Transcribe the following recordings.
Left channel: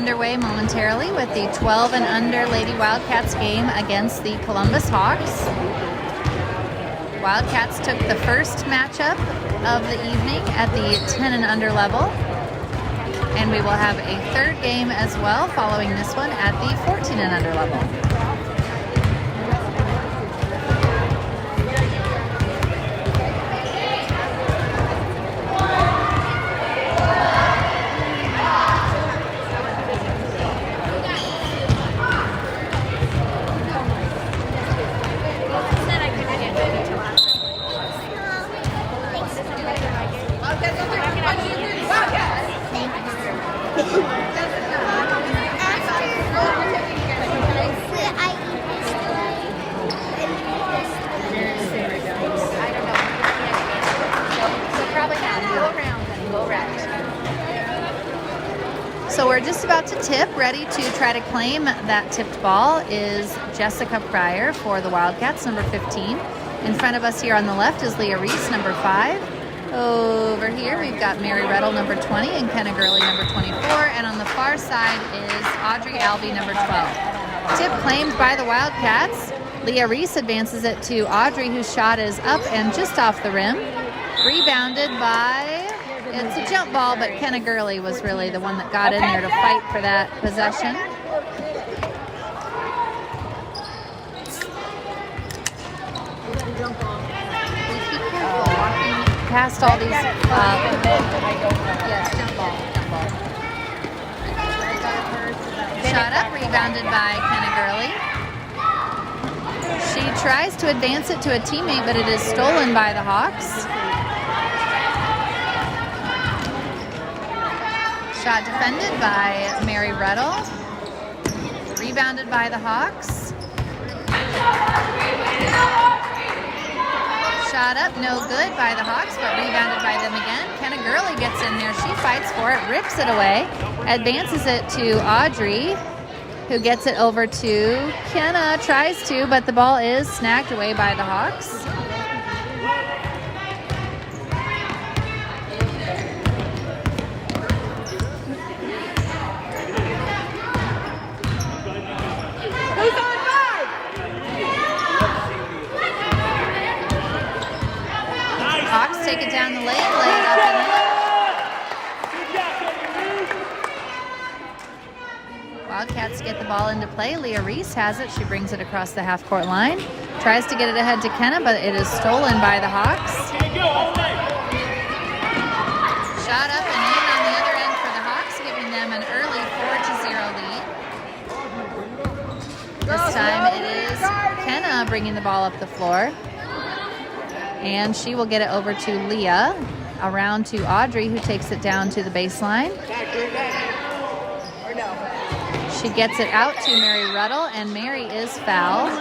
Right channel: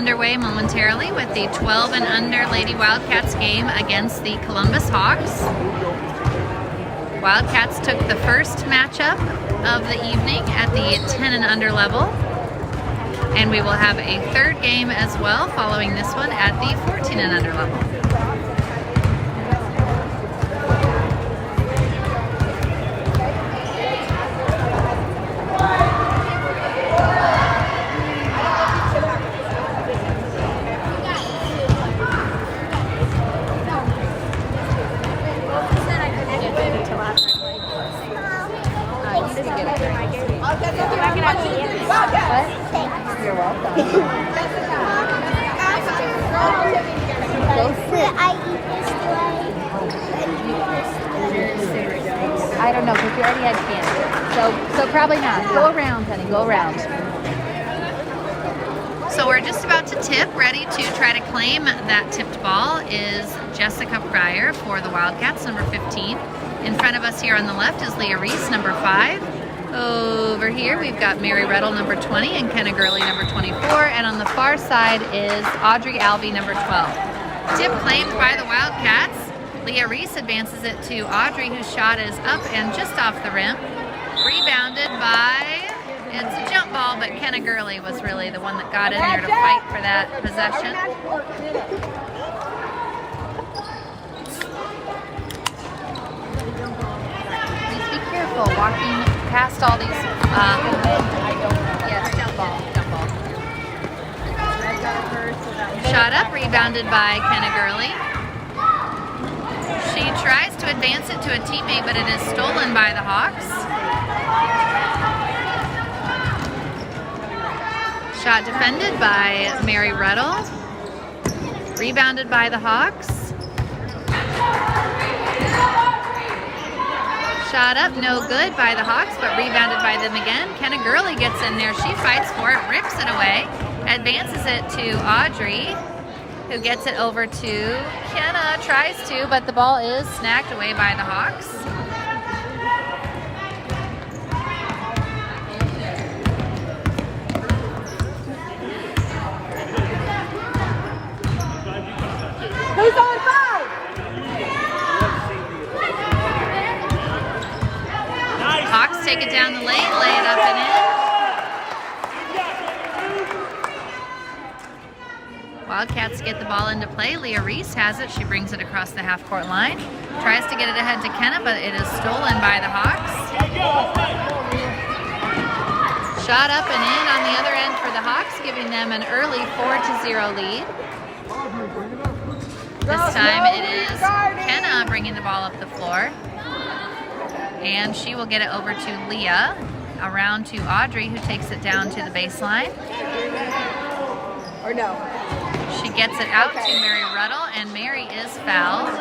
underway momentarily with the 12 and under Lady Wildcats game against the Columbus Hawks. Wildcats took the first matchup of the evening at the 10 and under level. And we will have a third game as well following this one at the 14 and under level. So we're just about to tip, ready to try to claim that tipped ball is Jessica Pryor for the Wildcats, number 15. In front of us here on the left is Leah Reese, number 5. Over here we've got Mary Reddle, number 20, and Kenna Gurley, number 24. And on the far side is Audrey Albee, number 12. Tip claimed by the Wildcats. Leah Reese advances it to Audrey, whose shot is up and just off the rim. Rebounded by... It's a jump ball, but Kenna Gurley was really the one that got in there to fight for that possession. Just be careful walking past all these. Yeah, it's a jump ball. Shot up, rebounded by Kenna Gurley. She tries to advance it to a teammate, but it is stolen by the Hawks. Shot defended by Mary Reddle. Rebounded by the Hawks. Shot up, no good by the Hawks, but rebounded by them again. Kenna Gurley gets in there. She fights for it, rips it away, advances it to Audrey, who gets it over to Kenna, tries to, but the ball is snagged away by the Hawks. Who's on 5? Hawks take it down the lane, lay it up and in. Wildcats get the ball into play. Leah Reese has it. She brings it across the half-court line. Tries to get it ahead to Kenna, but it is stolen by the Hawks. Shot up and in on the other end for the Hawks, giving them an early 4-0 lead. This time it is Kenna bringing the ball up the floor. And she will get it over to Leah, around to Audrey, who takes it down to the baseline. She gets it out to Mary Reddle, and Mary is fouled.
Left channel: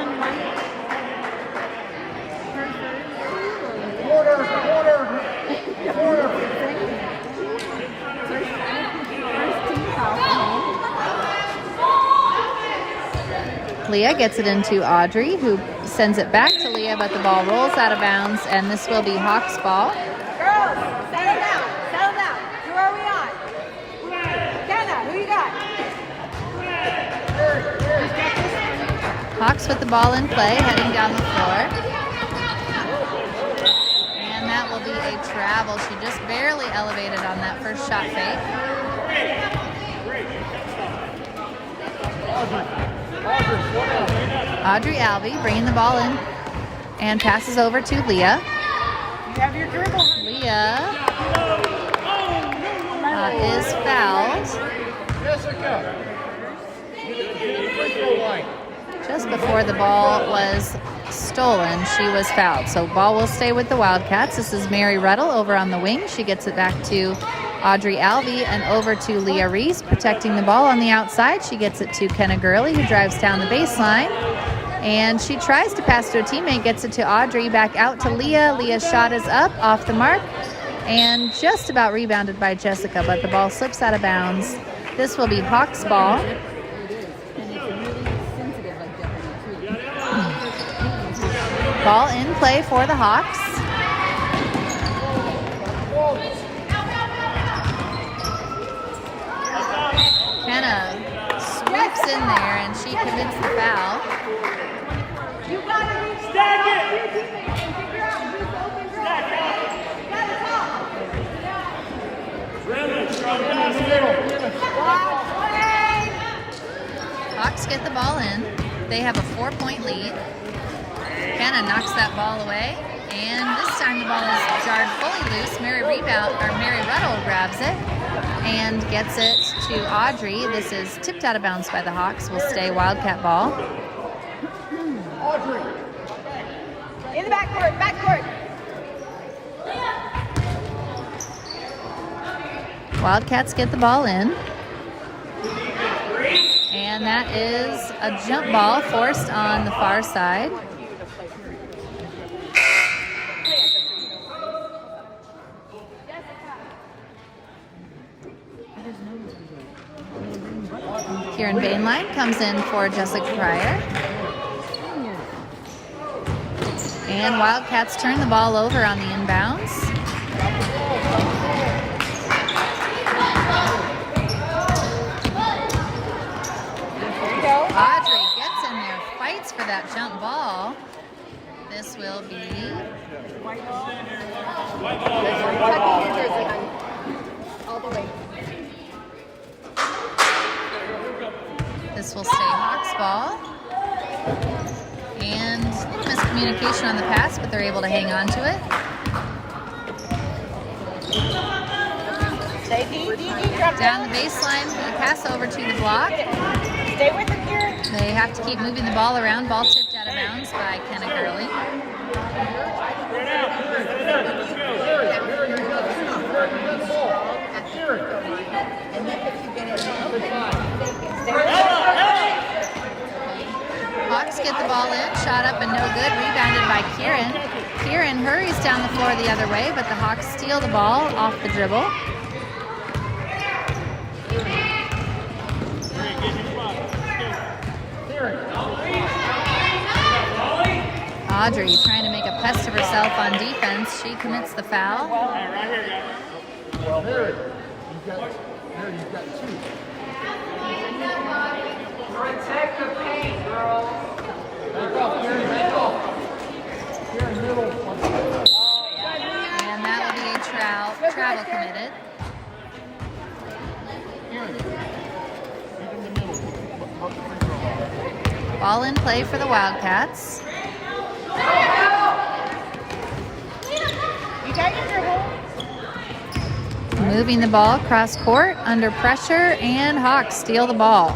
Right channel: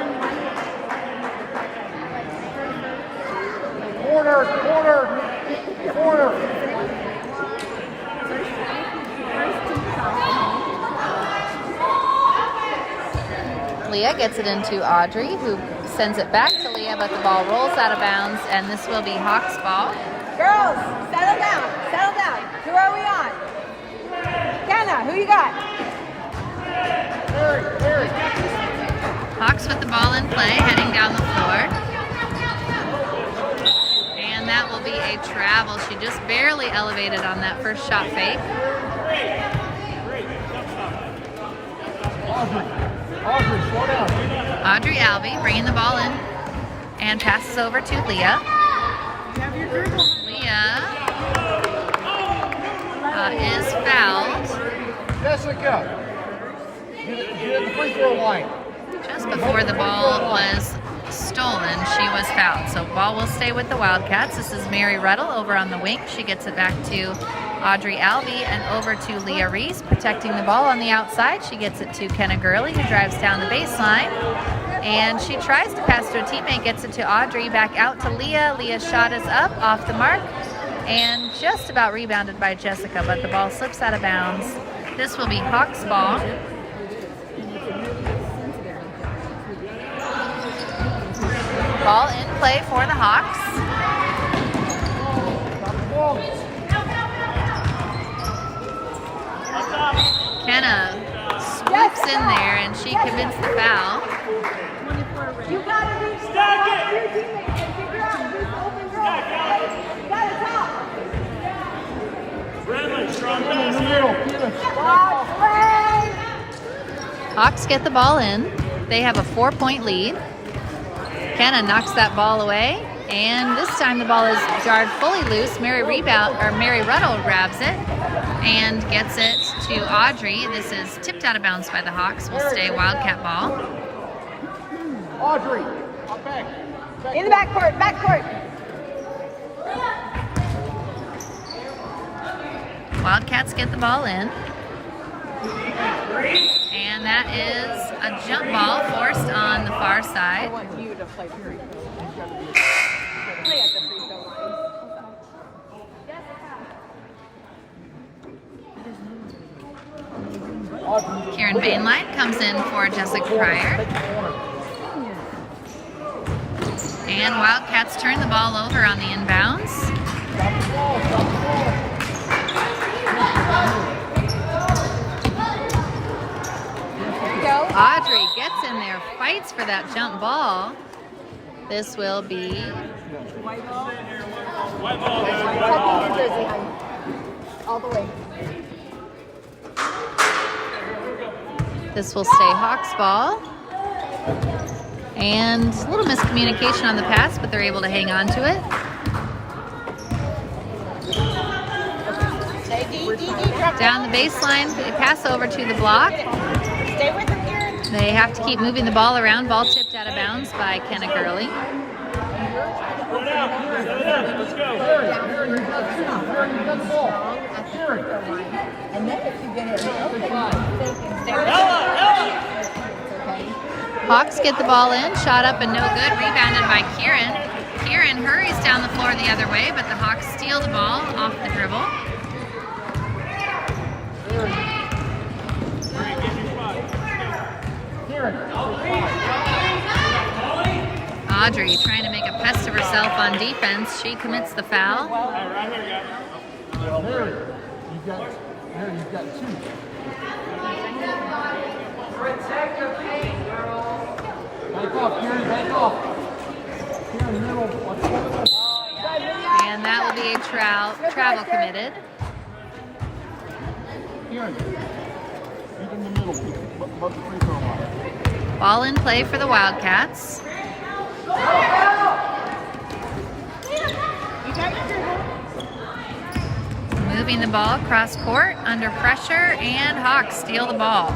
Leah gets it into Audrey, who sends it back to Leah, but the ball rolls out of bounds, and this will be Hawks ball. Girls, settle down. Settle down. Who are we on? Kenna, who you got? Hawks with the ball in play, heading down the floor. And that will be a travel. She just barely elevated on that first shot fake. Audrey Albee bringing the ball in and passes over to Leah. Leah is fouled. Just before the ball was stolen, she was fouled. So ball will stay with the Wildcats. This is Mary Reddle over on the wing. She gets it back to Audrey Albee and over to Leah Reese, protecting the ball on the outside. She gets it to Kenna Gurley, who drives down the baseline. And she tries to pass to her teammate, gets it to Audrey, back out to Leah. Leah's shot is up, off the mark, and just about rebounded by Jessica, but the ball slips out of bounds. This will be Hawks ball. Ball in play for the Hawks. Kenna the foul. You gotta reach out to your teammates and figure out who's the open girl, okay? You gotta talk. Watch, play. Hawks get the ball in. They have a 4-point lead. Kenna knocks that ball away, and this time the ball is jarred fully loose. Mary Ruddle grabs it and gets it to Audrey. This is tipped out of bounds by the Hawks. Will stay Wildcat ball. Audrey. In the backcourt. Wildcats get the ball in. And that is a jump ball forced on the far side. Kieran Bainline comes in for Jessica Pryor. And Wildcats turn the ball over on the inbounds. Audrey gets in there, fights for that jump ball. This will be all the way. This will stay Hawks ball. And a little miscommunication on the pass, but they're able to hang on to it. Down the baseline, the pass over to the block. They have to keep moving the ball around. Ball tipped out of bounds by Kenna Gurley. Hawks get the ball in, shot up and no good, rebounded by Kieran. Kieran hurries down the floor the other way, but the Hawks steal the ball off the dribble. Audrey trying to make a pest of herself on defense. She commits the foul. Protect the paint, girl. Back off. And that will be a travel committed. Ball in play for the Wildcats. Moving the ball cross court under pressure, and Hawks steal the ball.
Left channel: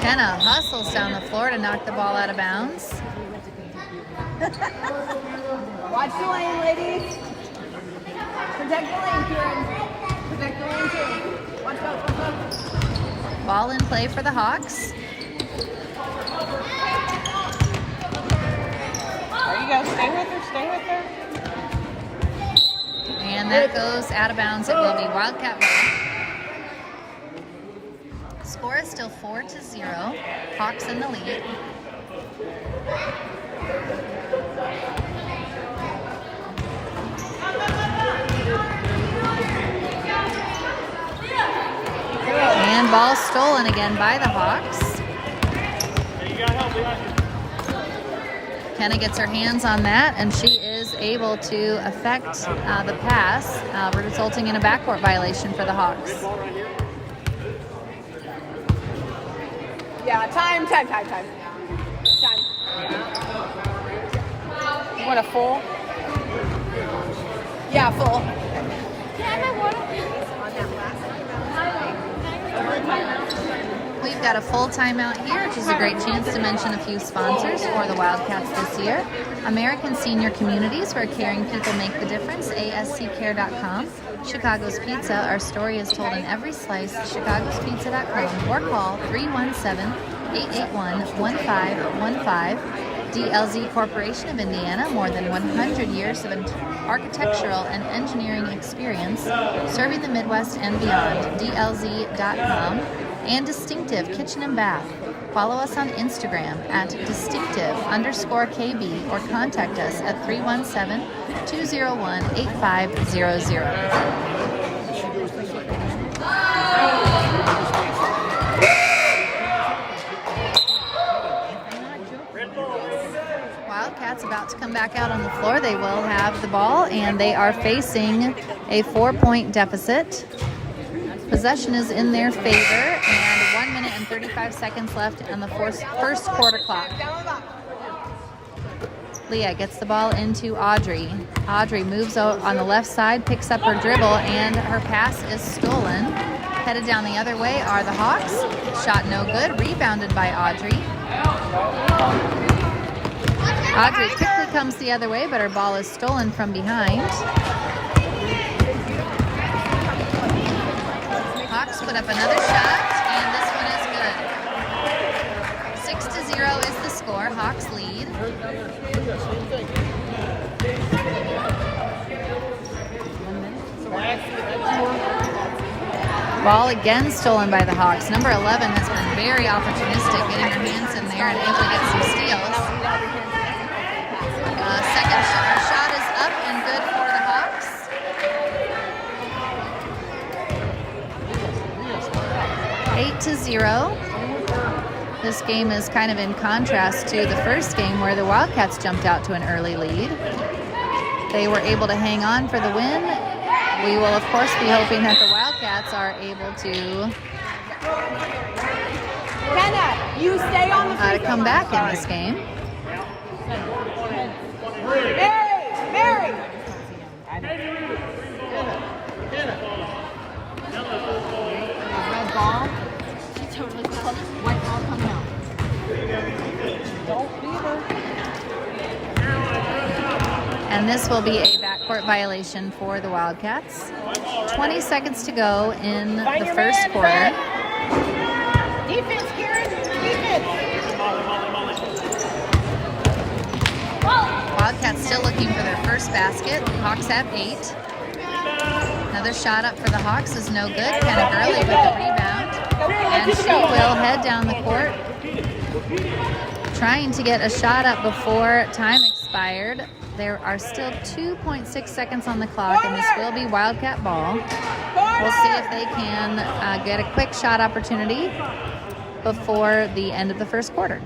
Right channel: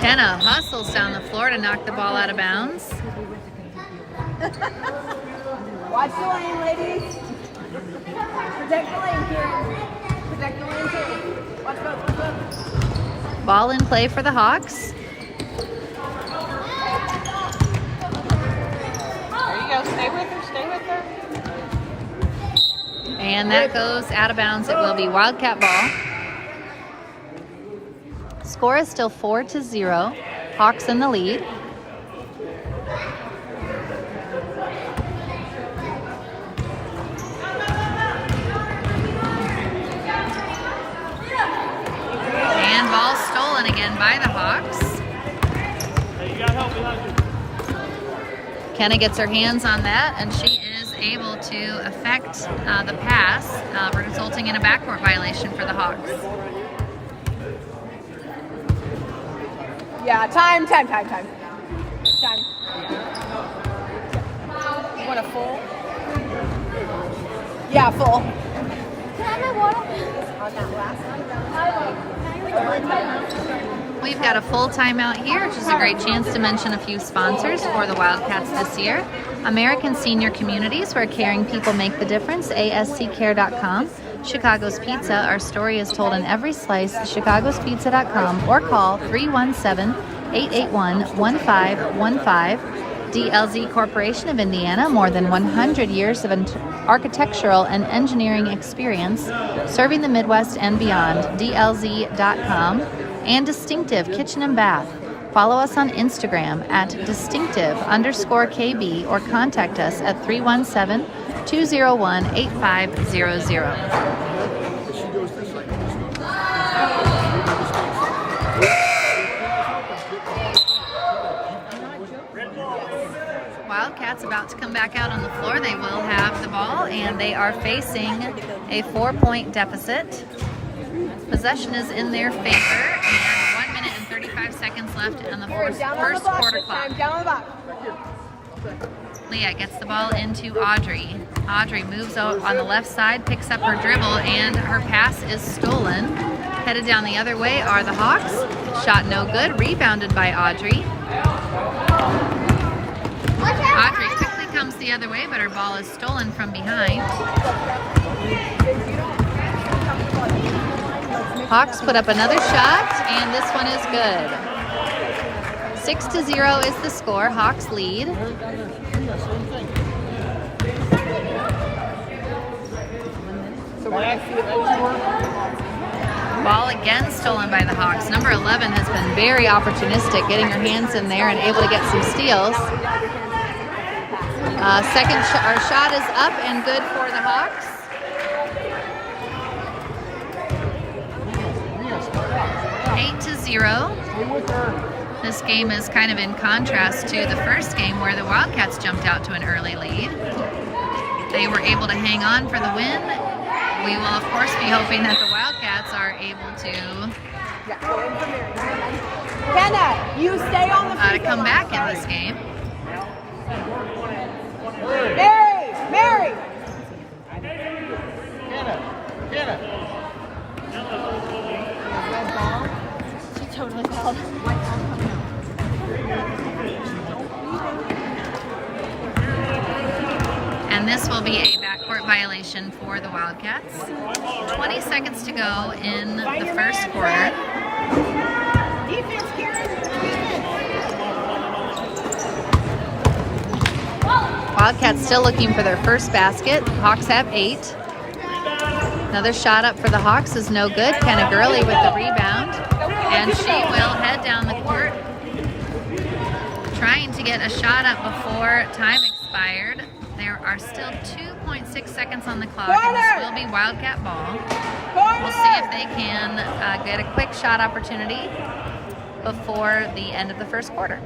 Kenna hustles down the floor to knock the ball out of bounds. Watch the lane, ladies. Protect the lane, Kieran. Protect the lane, too. Watch out. Ball in play for the Hawks. There you go. Stay with her. And that goes out of bounds. It will be Wildcat ball. Score is still 4-0. Hawks in the lead. And ball stolen again by the Hawks. Kenna gets her hands on that, and she is able to effect the pass, resulting in a backcourt violation for the Hawks. Yeah, time. You want a full? Yeah, full. Can I have my water? On that last one. We've got a full timeout here, which is a great chance to mention a few sponsors for the Wildcats this year. American Senior Communities, where caring people make the difference, asccare.com. Chicago's Pizza, our story is told in every slice, chicagospizza.com, or call 317-881-1515. DLZ Corporation of Indiana, more than 100 years of architectural and engineering experience, serving the Midwest and beyond, DLZ.com. And Distinctive Kitchen and Bath. Follow us on Instagram at distinctive_KB or contact us at 317-201-8500. come back out on the floor, they will have the ball, and they are facing a 4-point deficit. Possession is in their favor, and 1 minute and 35 seconds left in the first quarter clock. Leah gets the ball into Audrey. Audrey moves out on the left side, picks up her dribble, and her pass is stolen. Headed down the other way are the Hawks. Shot no good, rebounded by Audrey. Audrey quickly comes the other way, but her ball is stolen from behind. Hawks put up another shot, and this one is good. 6-0 is the score. Hawks lead. Ball again stolen by the Hawks. Number 11 has been very opportunistic, getting her hands in there and able to get some steals. Second shot is up and good for the Hawks. Eight to 0. This game is kind of in contrast to the first game where the Wildcats jumped out to an early lead. They were able to hang on for the win. We will, of course, be hoping that the Wildcats are able to come back in this game. Mary! And this will be a backcourt violation for the Wildcats. 20 seconds to go in the first quarter. Defense, Karen! Defense! Wildcats still looking for their first basket. Hawks have 8. Another shot up for the Hawks is no good. Kenna Gurley with the rebound. And she will head down the court, trying to get a shot up before time expired. There are still 2.6 seconds on the clock, and this will be Wildcat ball. We'll see if they can get a quick shot opportunity before the end of the first quarter.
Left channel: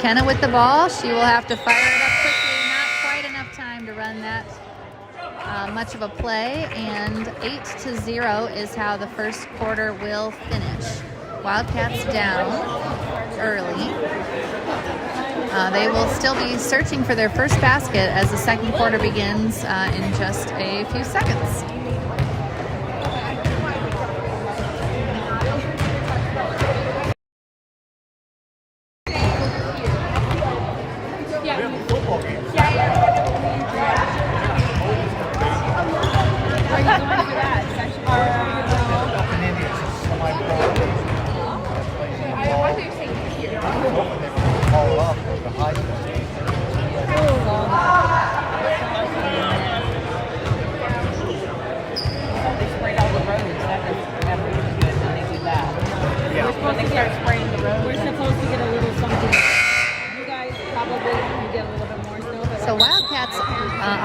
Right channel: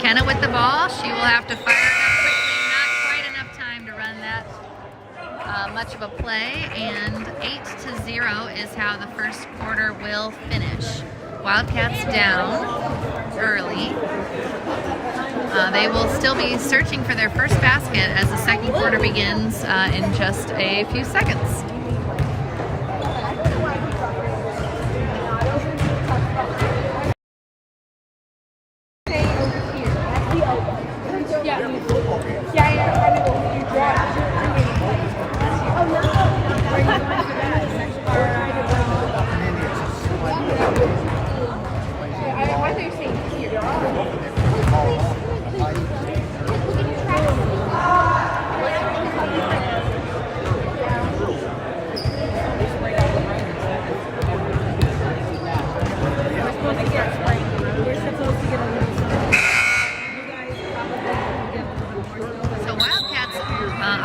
Kenna with the ball. She will have to fire it up quickly. Not quite enough time to run that much of a play, and 8-0 is how the first quarter will finish. Wildcats down early. They will still be searching for their first basket as the second quarter begins in just a few seconds.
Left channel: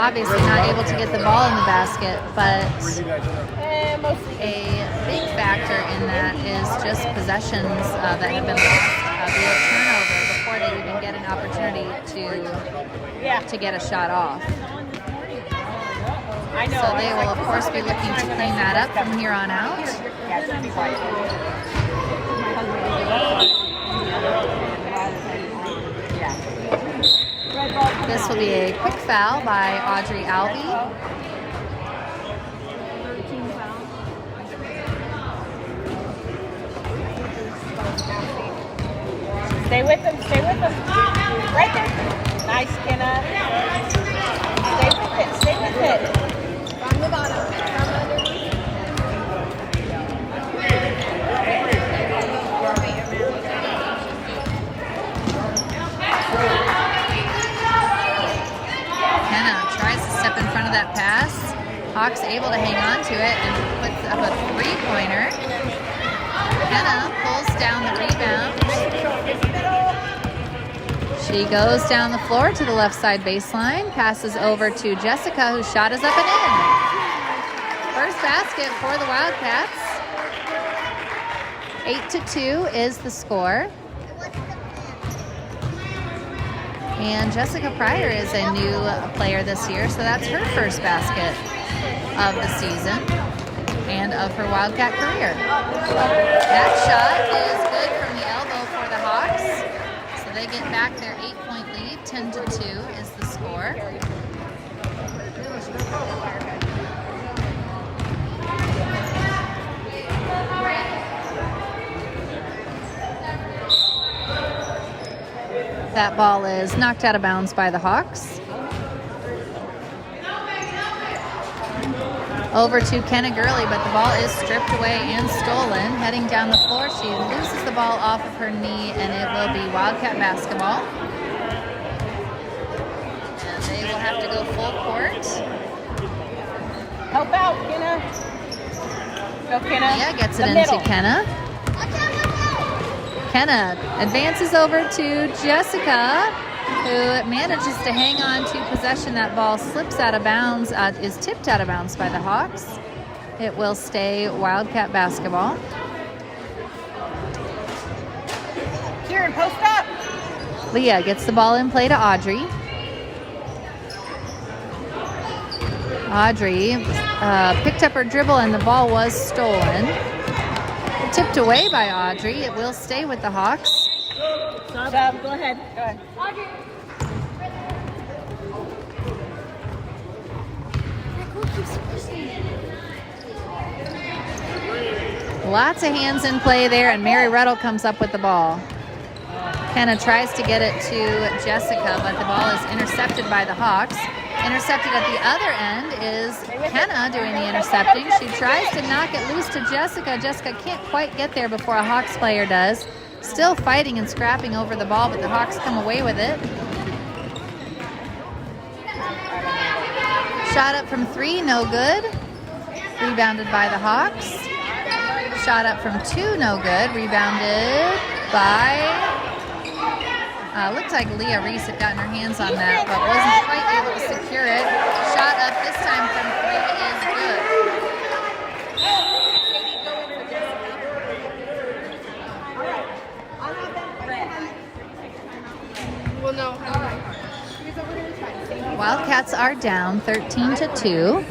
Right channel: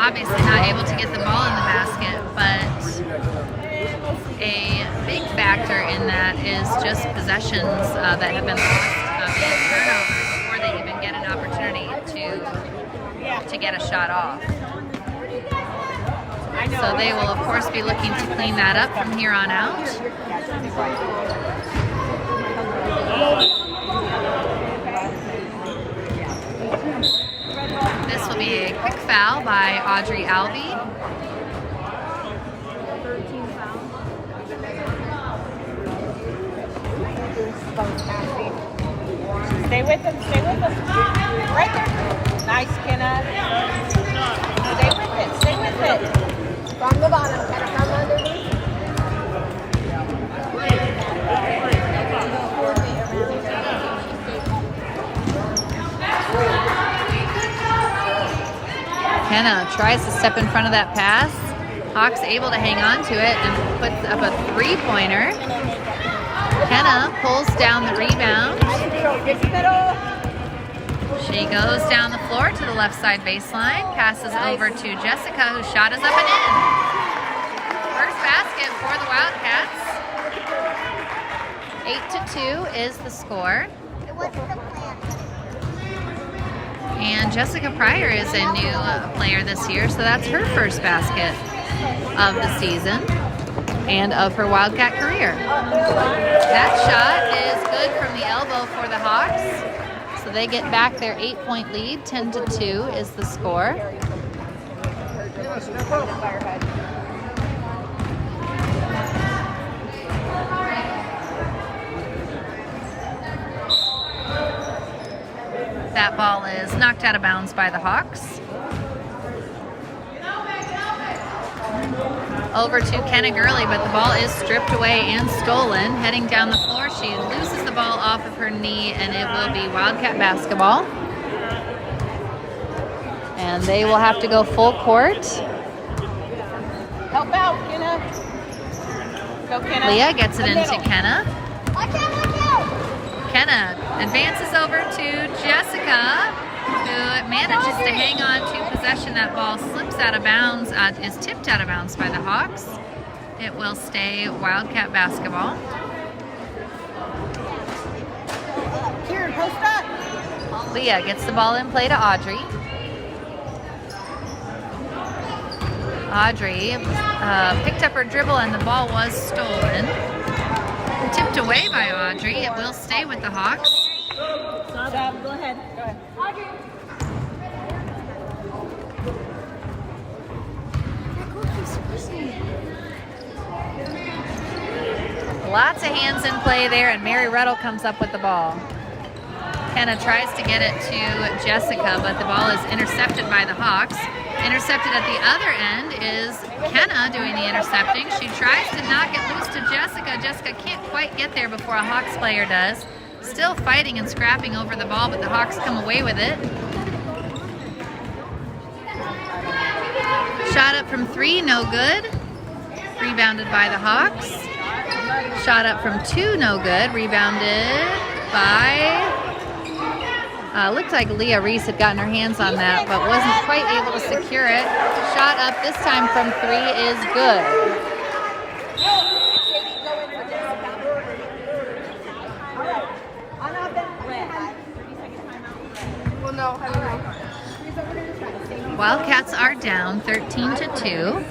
Obviously not able to get the ball in the basket, but a big factor in that is just possessions that have been lost via turnover before they even get an opportunity to get a shot off. So they will, of course, be looking to clean that up from here on out. This will be a quick foul by Audrey Alvey. Stay with them, stay with them. Right there. Nice, Kenna. Stay with it. From the bottom, from underneath. Kenna tries to step in front of that pass. Hawks able to hang on to it and puts up a three-pointer. Kenna pulls down the rebound. She goes down the floor to the left side baseline, passes over to Jessica, whose shot is up and in. First basket for the Wildcats. 8-2 is the score. And Jessica Pryor is a new player this year, so that's her first basket of the season and of her Wildcat career. That shot is good from the elbow for the Hawks. So they get back their 8-point lead. 10-2 is the score. That ball is knocked out of bounds by the Hawks. Over to Kenna Gurley, but the ball is stripped away and stolen. Heading down the floor, she loses the ball off of her knee, and it will be Wildcat basketball. And they will have to go full court. Help out, Kenna. Go, Kenna. Leah gets it The into middle. Kenna. Kenna advances over to Jessica, who manages to hang on to possession. That ball slips out of bounds, is tipped out of bounds by the Hawks. It will stay Wildcat basketball. Kieran, post up. Leah gets the ball in play to Audrey. Audrey picked up her dribble and the ball was stolen. Tipped away by Audrey. It will stay with the Hawks. Stop. Go ahead. Go ahead. Audrey. Lots of hands in play there, and Mary Ruddle comes up with the ball. Kenna tries to get it to Jessica, but the ball is intercepted by the Hawks. Intercepted at the other end is Kenna doing the intercepting. She tries to knock it loose to Jessica. Jessica can't quite get there before a Hawks player does. Still fighting and scrapping over the ball, but the Hawks come away with it. Shot up from 3, no good. Rebounded by the Hawks. Shot up from 2, no good. Rebounded by... looked like Leah Reese had gotten her hands on that, but wasn't quite able to secure it. Shot up this time from 3 is good. All right. On offense. Well, no. All right. Here's what we're going to try. Sadie. Wildcats are down 13-2. It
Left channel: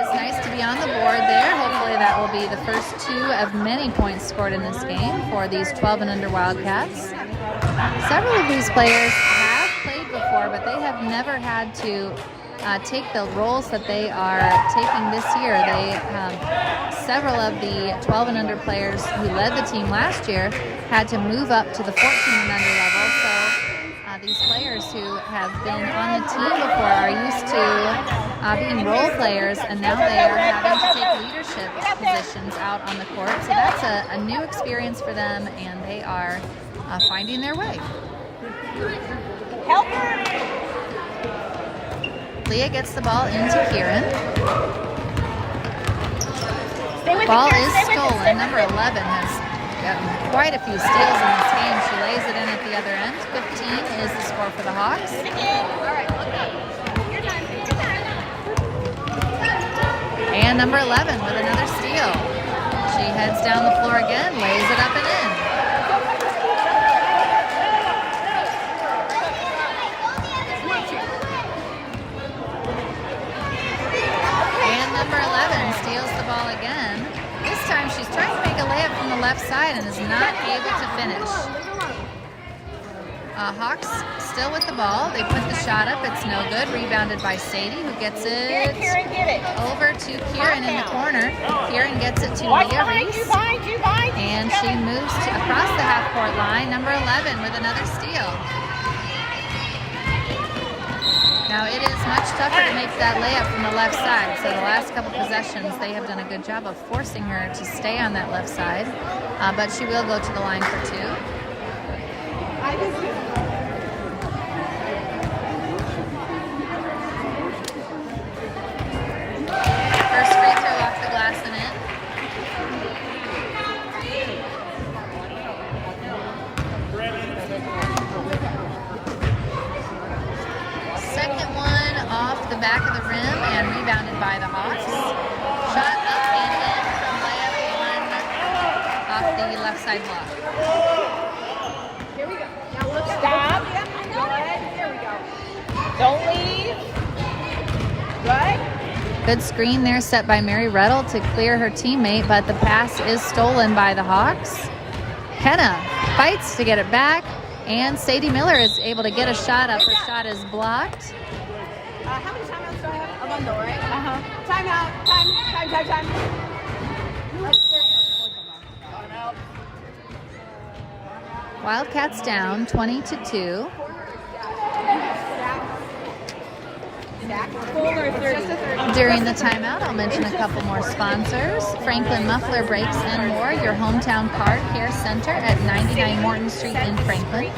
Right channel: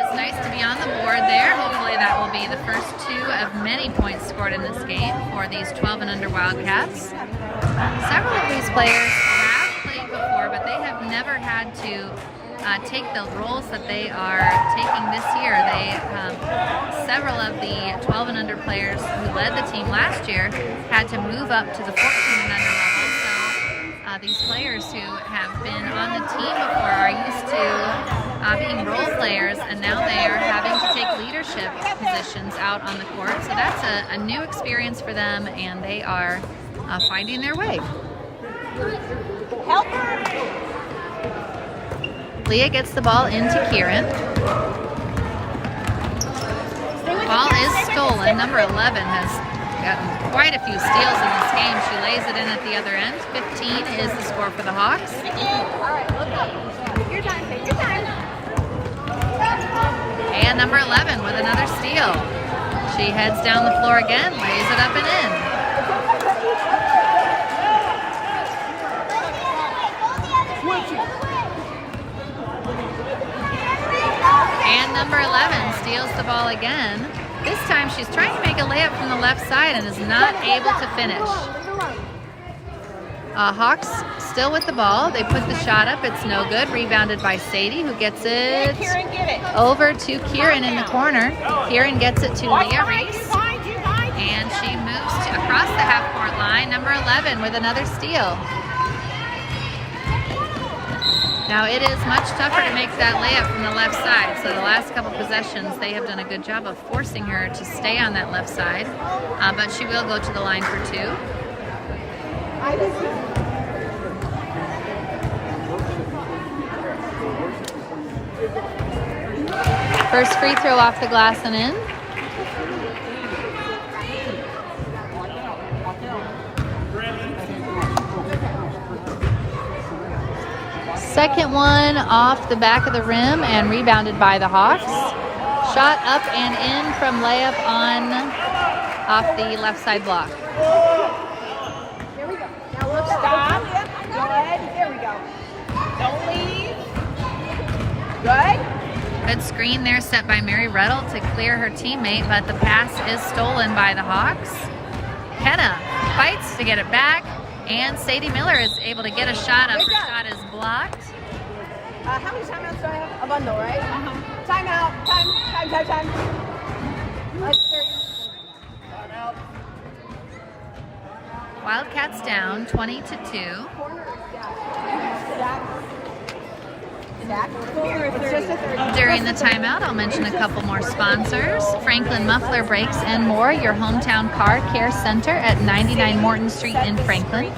is nice to be on the board there. Hopefully that will be the first 2 of many points scored in this game for these 12 and under Wildcats. Several of these players have played before, but they have never had to take the roles that they are taking this year. Several of the 12 and under players who led the team last year had to move up to the 14 and under level. So these players who have been on the team before are used to being role players, and now they are having to take leadership positions out on the court. So that's a new experience for them, and they are finding their way. Help. Leah gets the ball into Kieran. Ball is stolen. Number 11 has gotten quite a few steals in this game. She lays it in at the other end. 15 is the score for the Hawks. And number 11 with another steal. She heads down the floor again, lays it up and in. And number 11 steals the ball again. This time she's trying to make a layup from the left side and is not able to finish. Hawks still with the ball. They put the shot up. It's no good. Rebounded by Sadie, who gets it over to Kieran in the corner. Kieran gets it to Leah Reese. And she moves across the half-court line. Number 11 with another steal. Now it is much tougher to make that layup from the left side. So the last couple possessions, they have done a good job of forcing her to stay on that left side. But she will go to the line for 2. First free throw off the glass and in. Second one off the back of the rim and rebounded by the Hawks. Shot up and in from layup on off the left side block. Here we go. Now look up. Go ahead. Here we go. Don't leave. Good. Good screen there set by Mary Ruddle to clear her teammate, but the pass is stolen by the Hawks. Kenna fights to get it back, and Sadie Miller is able to get a shot up. Her shot is blocked. How many timeouts do I have? A bundle, right? Timeout. Time. Wildcats down 20-2. During the timeout, I'll mention a couple more sponsors. Franklin Muffler Brakes and More, your hometown car care center at 99 Morton Street in Franklin.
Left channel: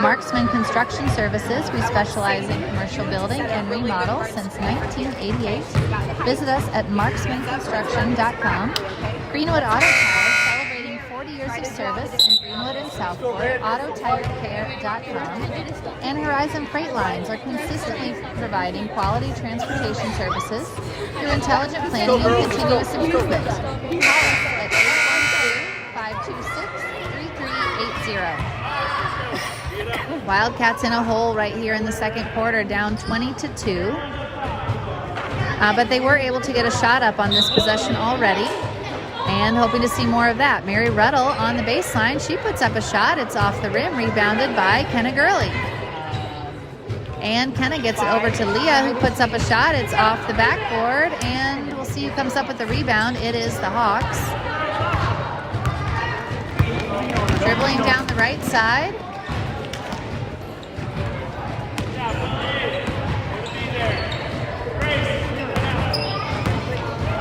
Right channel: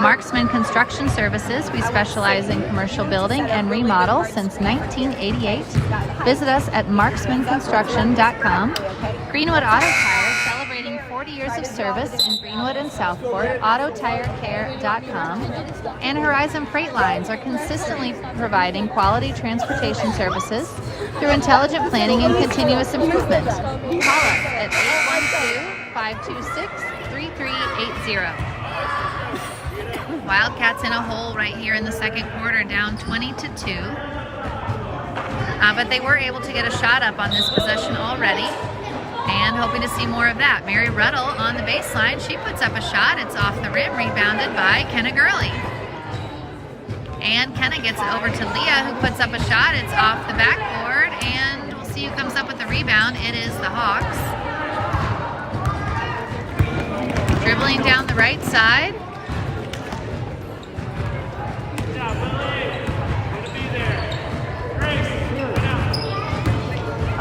Marksman Construction Services, we specialize in commercial building and remodel since 1988. Visit us at marksmanconstruction.com. Greenwood Auto Tire, celebrating 40 years of service in Greenwood and Southport, autotirecare.com. And Horizon Freight Lines are consistently providing quality transportation services through intelligent planning and continuous improvement. Call us at 812-526-3380. Wildcats in a hole right here in the second quarter, down 20-2. But they were able to get a shot up on this possession already. And hoping to see more of that. Mary Ruddle on the baseline. She puts up a shot. It's off the rim, rebounded by Kenna Gurley. And Kenna gets it over to Leah, who puts up a shot. It's off the backboard, and we'll see who comes up with the rebound. It is the Hawks. Dribbling down the right side.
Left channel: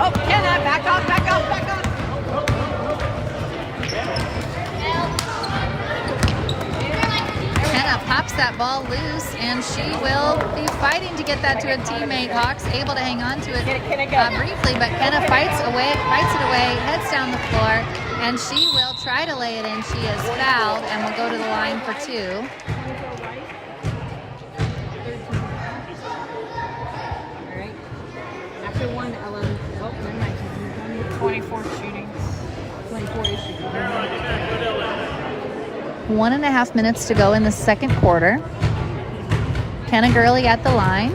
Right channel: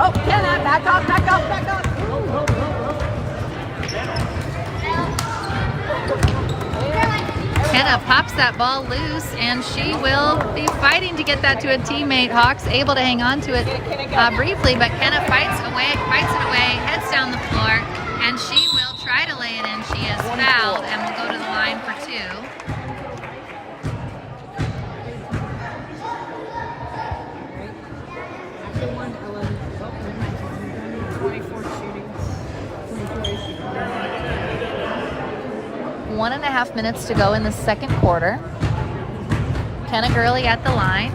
Oh, Kenna, back off. Kenna pops that ball loose, and she will be fighting to get that to a teammate. Hawks able to hang on to it briefly, but Kenna fights it away, heads down the floor, and she will try to lay it in. She is fouled and will go to the line for two. After 24 shootings. 1.5 minutes to go in the second quarter. Kenna Gurley at the line.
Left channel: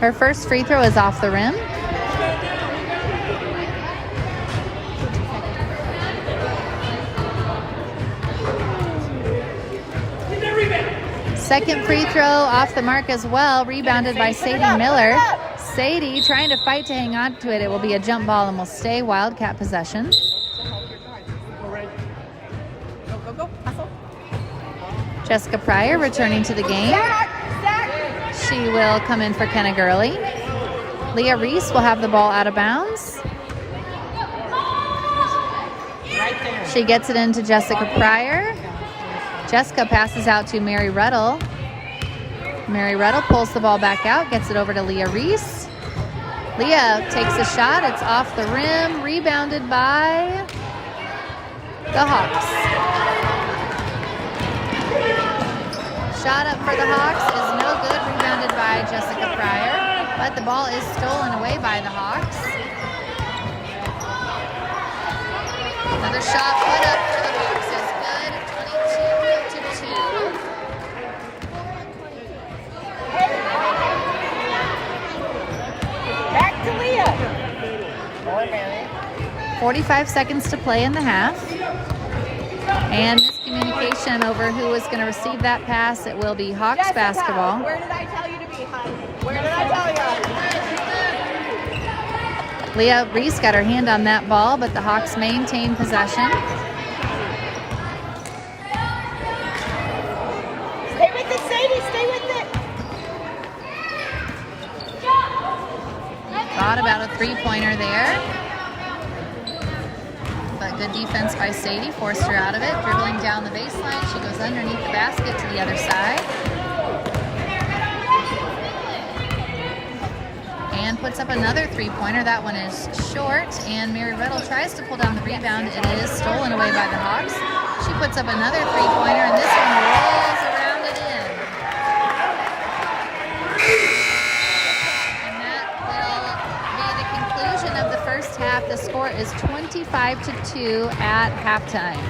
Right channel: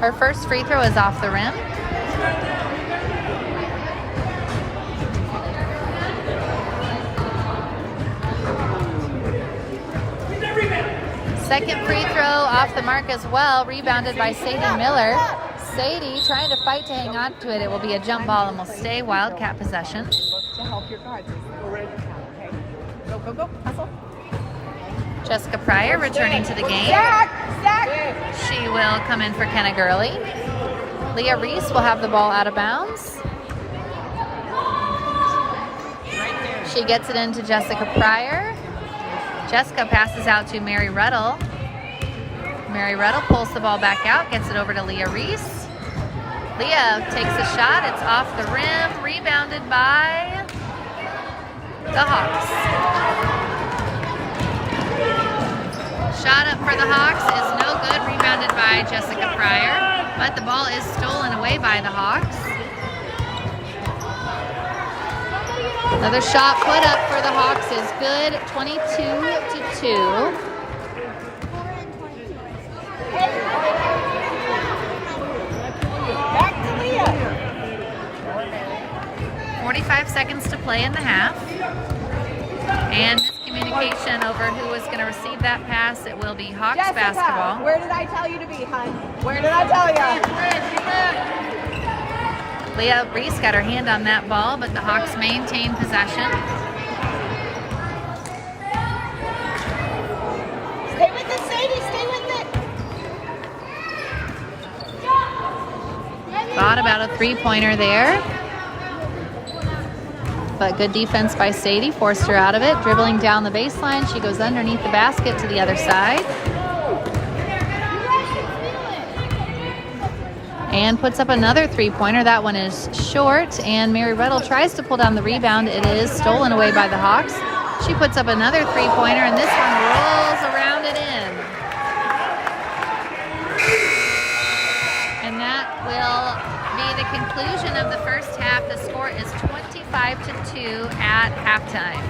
Her first free throw is off the rim. Second free throw off the mark as well, rebounded by Sadie Miller. Sadie trying to fight to hang on to it. It will be a jump ball and will stay Wildcat possession. Jessica Pryor returning to the game. She will come in for Kenna Gurley. Leah Reese will have the ball out of bounds. She gets it into Jessica Pryor. Jessica passes out to Mary Ruddle. Mary Ruddle pulls the ball back out, gets it over to Leah Reese. Leah takes a shot. It's off the rim, rebounded by the Hawks. Shot up for the Hawks is no good, rebounded by Jessica Pryor, but the ball is stolen away by the Hawks. Another shot put up for the Hawks is good, 22-2. 45 seconds to play in the half. And miscommunication over who is going to receive that pass. It will be Hawks basketball. Where did I tell you to be, honey? Where did I tell you? Leah Reese got her hand on that ball, but the Hawks maintain possession. Stay with it, Sadie. Stay with it. Thought about a three-pointer there. But good defense by Sadie, forced her out of it. Dribbling down the baseline, she goes underneath the basket to the other side. And puts up another three-pointer. That one is short, and Mary Ruddle tries to pull down the rebound. It is stolen away by the Hawks. She puts up another three-pointer, and this one rolls around and in. And that will be the conclusion of the first half. The score is 25-2 at halftime.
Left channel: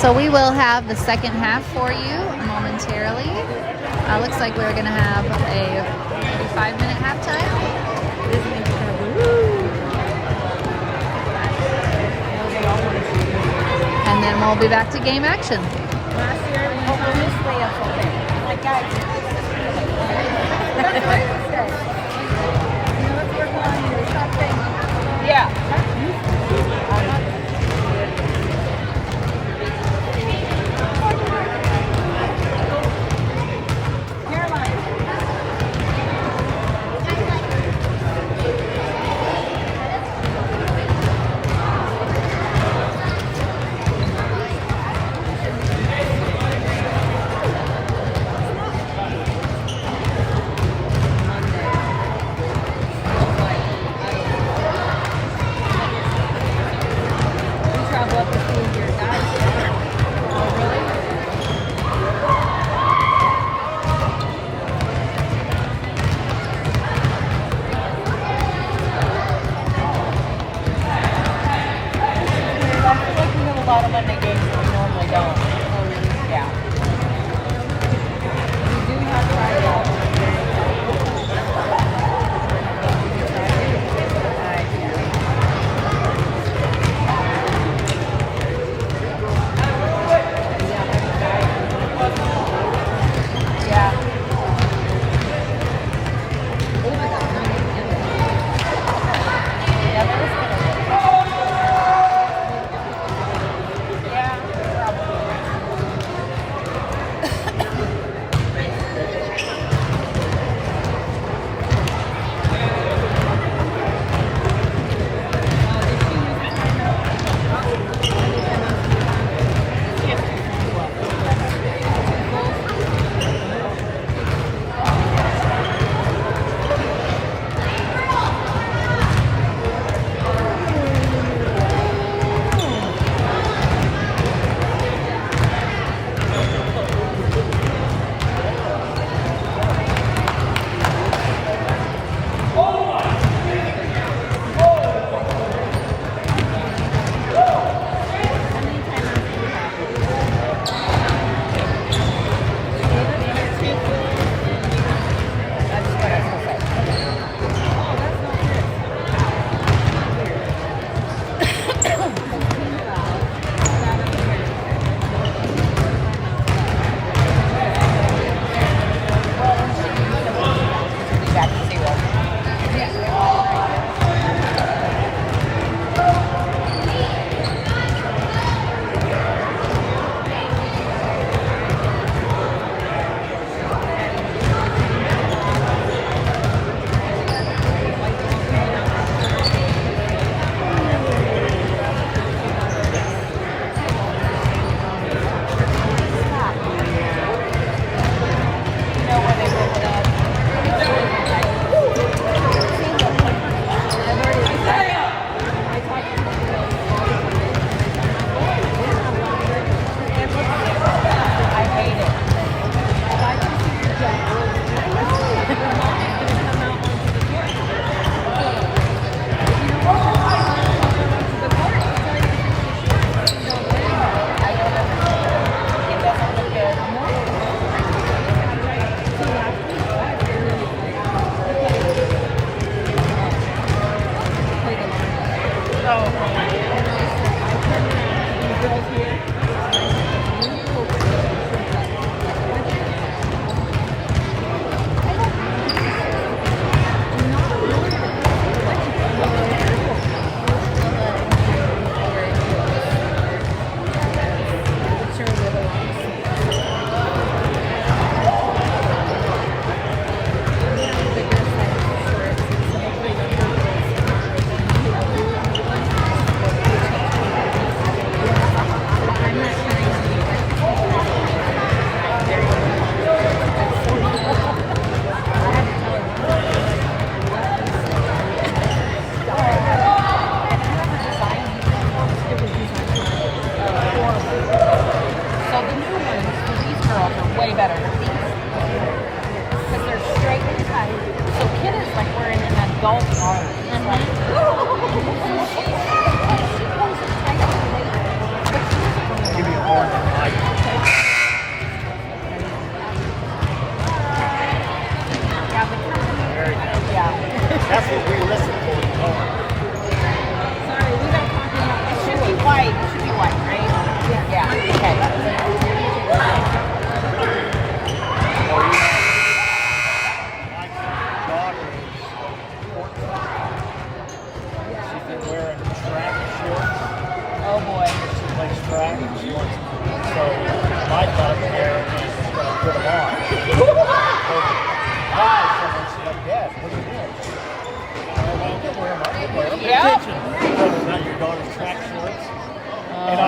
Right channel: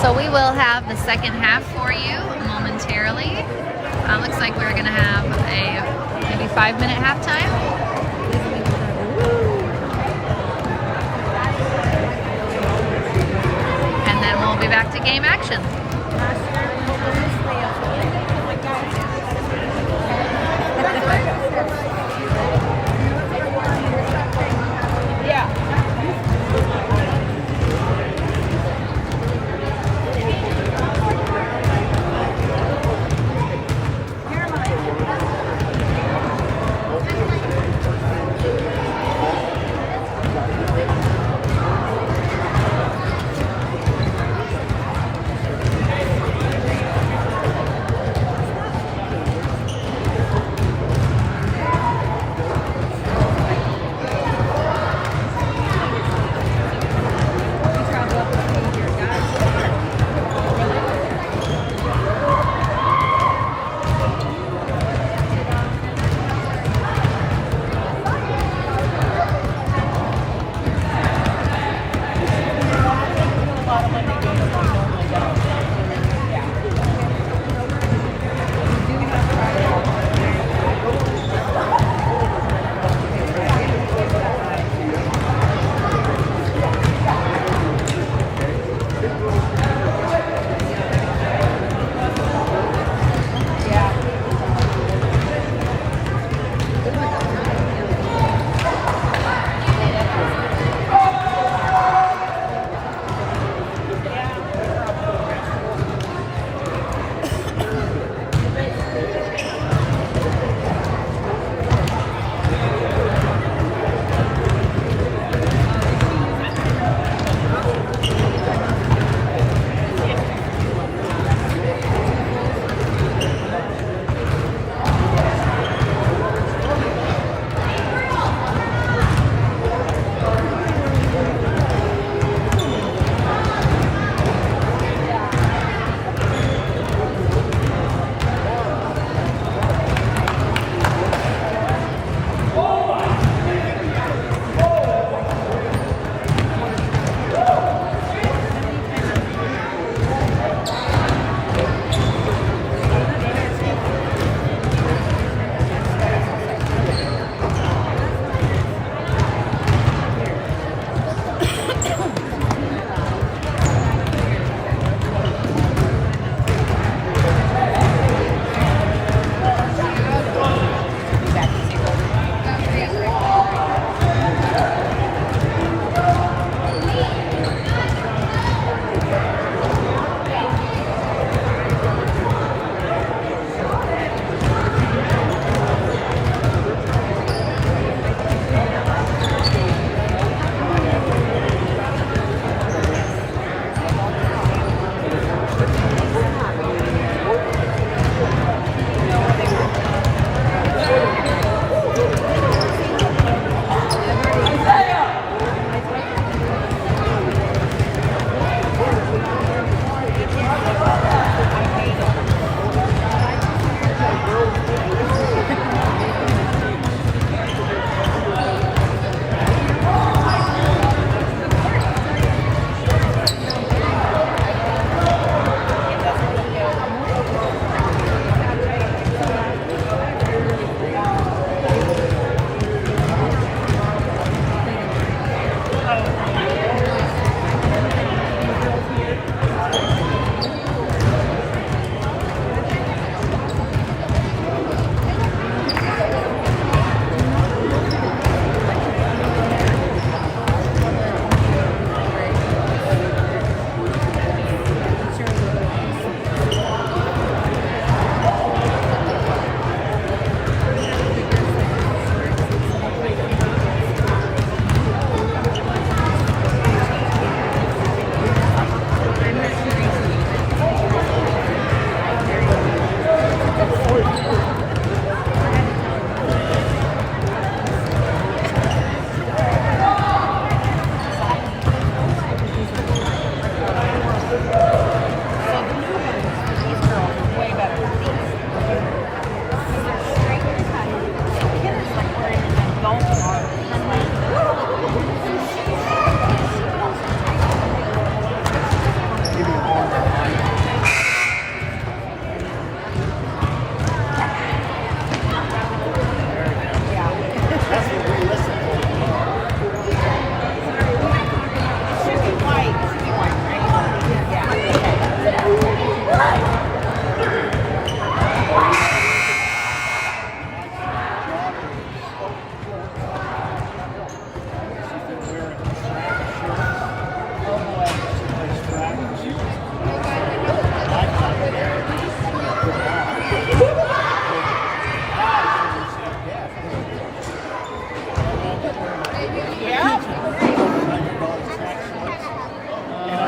So we will have the second half for you momentarily. Looks like we're going to have a maybe 5-minute halftime. And then we'll be back to game action.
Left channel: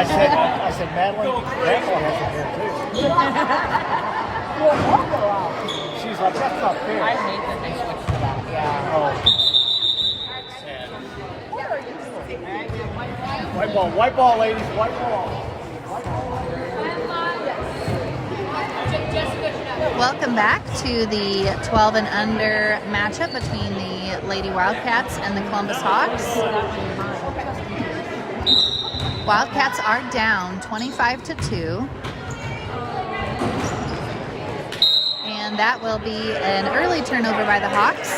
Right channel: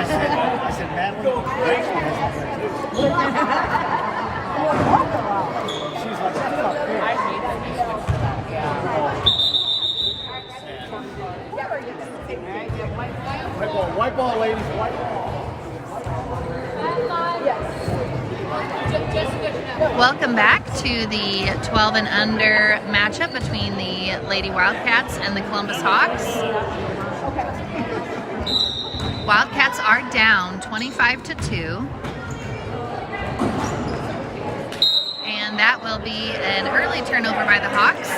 I said, Madeline, Rachel has it here too. She's like, that's not fair. White ball, ladies, white ball. Welcome back to the 12 and under matchup between the Lady Wildcats and the Columbus Hawks. Wildcats are down 25-2. And that will be an early turnover by the Hawks.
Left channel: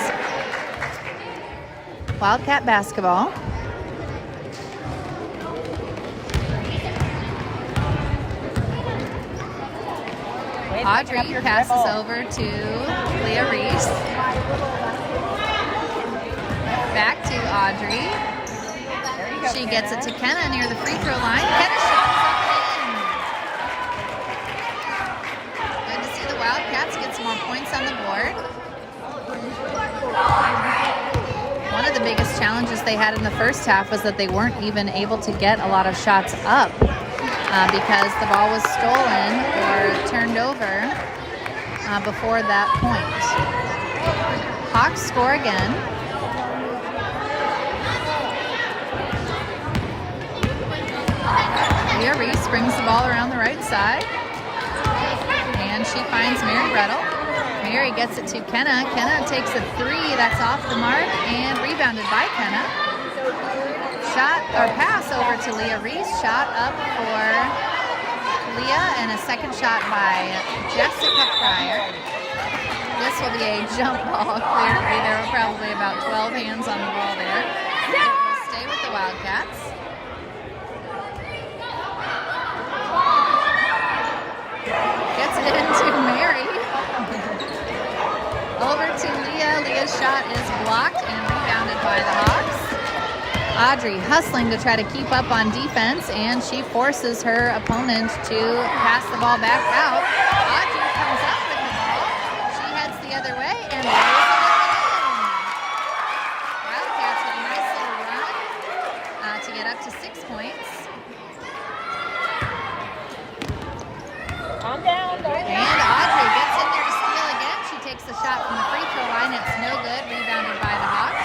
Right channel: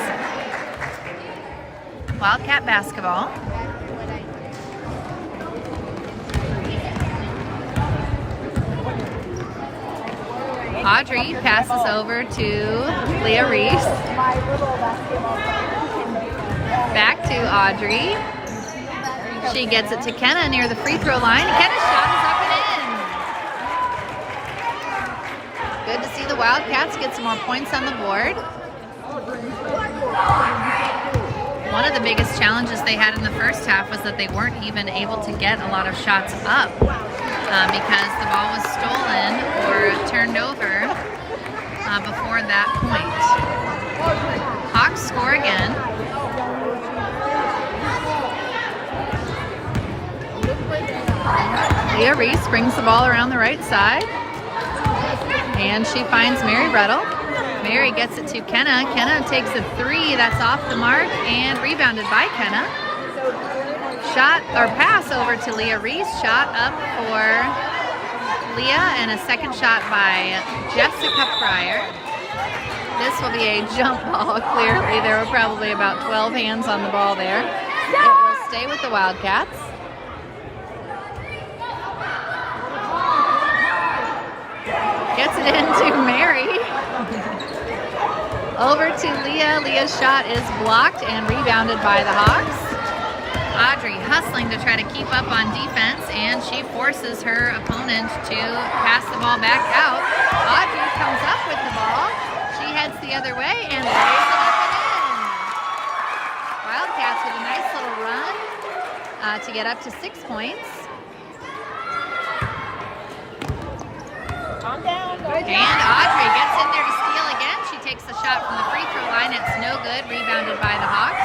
Wildcat basketball. Audrey passes over to Leah Reese. Back to Audrey. She gets it to Kenna near the free throw line. Kenna's shot is up and in. Good to see the Wildcats get some more points on the board. One of the biggest challenges they had in the first half was that they weren't even able to get a lot of shots up. Because the ball was stolen or turned over before that point. Hawks score again. Leah Reese brings the ball around the right side. And she finds Mary Rettle. Mary gets it to Kenna. Kenna takes a three that's off the mark and rebounded by Kenna. Shot or pass over to Leah Reese. Shot up for Leah and a second shot by Jessica Fryer. This will be a jump ball, clearly. There were probably about 12 hands on the ball there. It will stay with the Wildcats. Gets it into Mary. Over to Leah. Leah's shot is blocked and rebounded by the Hawks. Audrey hustling to try to keep up on defense, and she forces her opponent to pass the ball back out. Audrey comes up with the ball. She heads the other way and lays it in. Wildcats with a nice little run to get up to 6 points. And Audrey gets in there to steal again. She takes the shot from the free throw line. It's no good. Rebounded by the Hawks.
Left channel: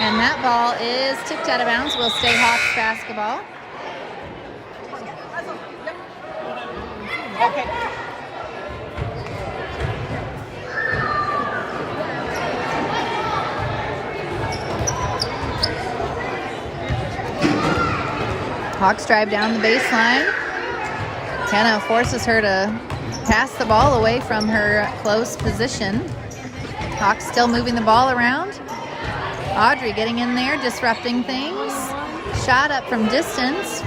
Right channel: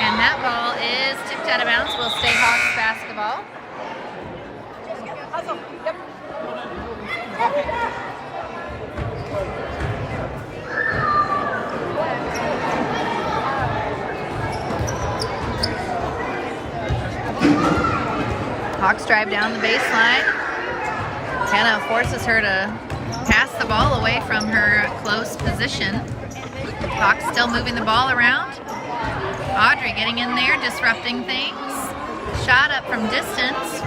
And that ball is tipped out of bounds. Will stay Hawks basketball. Hawks drive down the baseline. Kenna forces her to pass the ball away from her close position. Hawks still moving the ball around. Audrey getting in there, disrupting things. Shot up from distance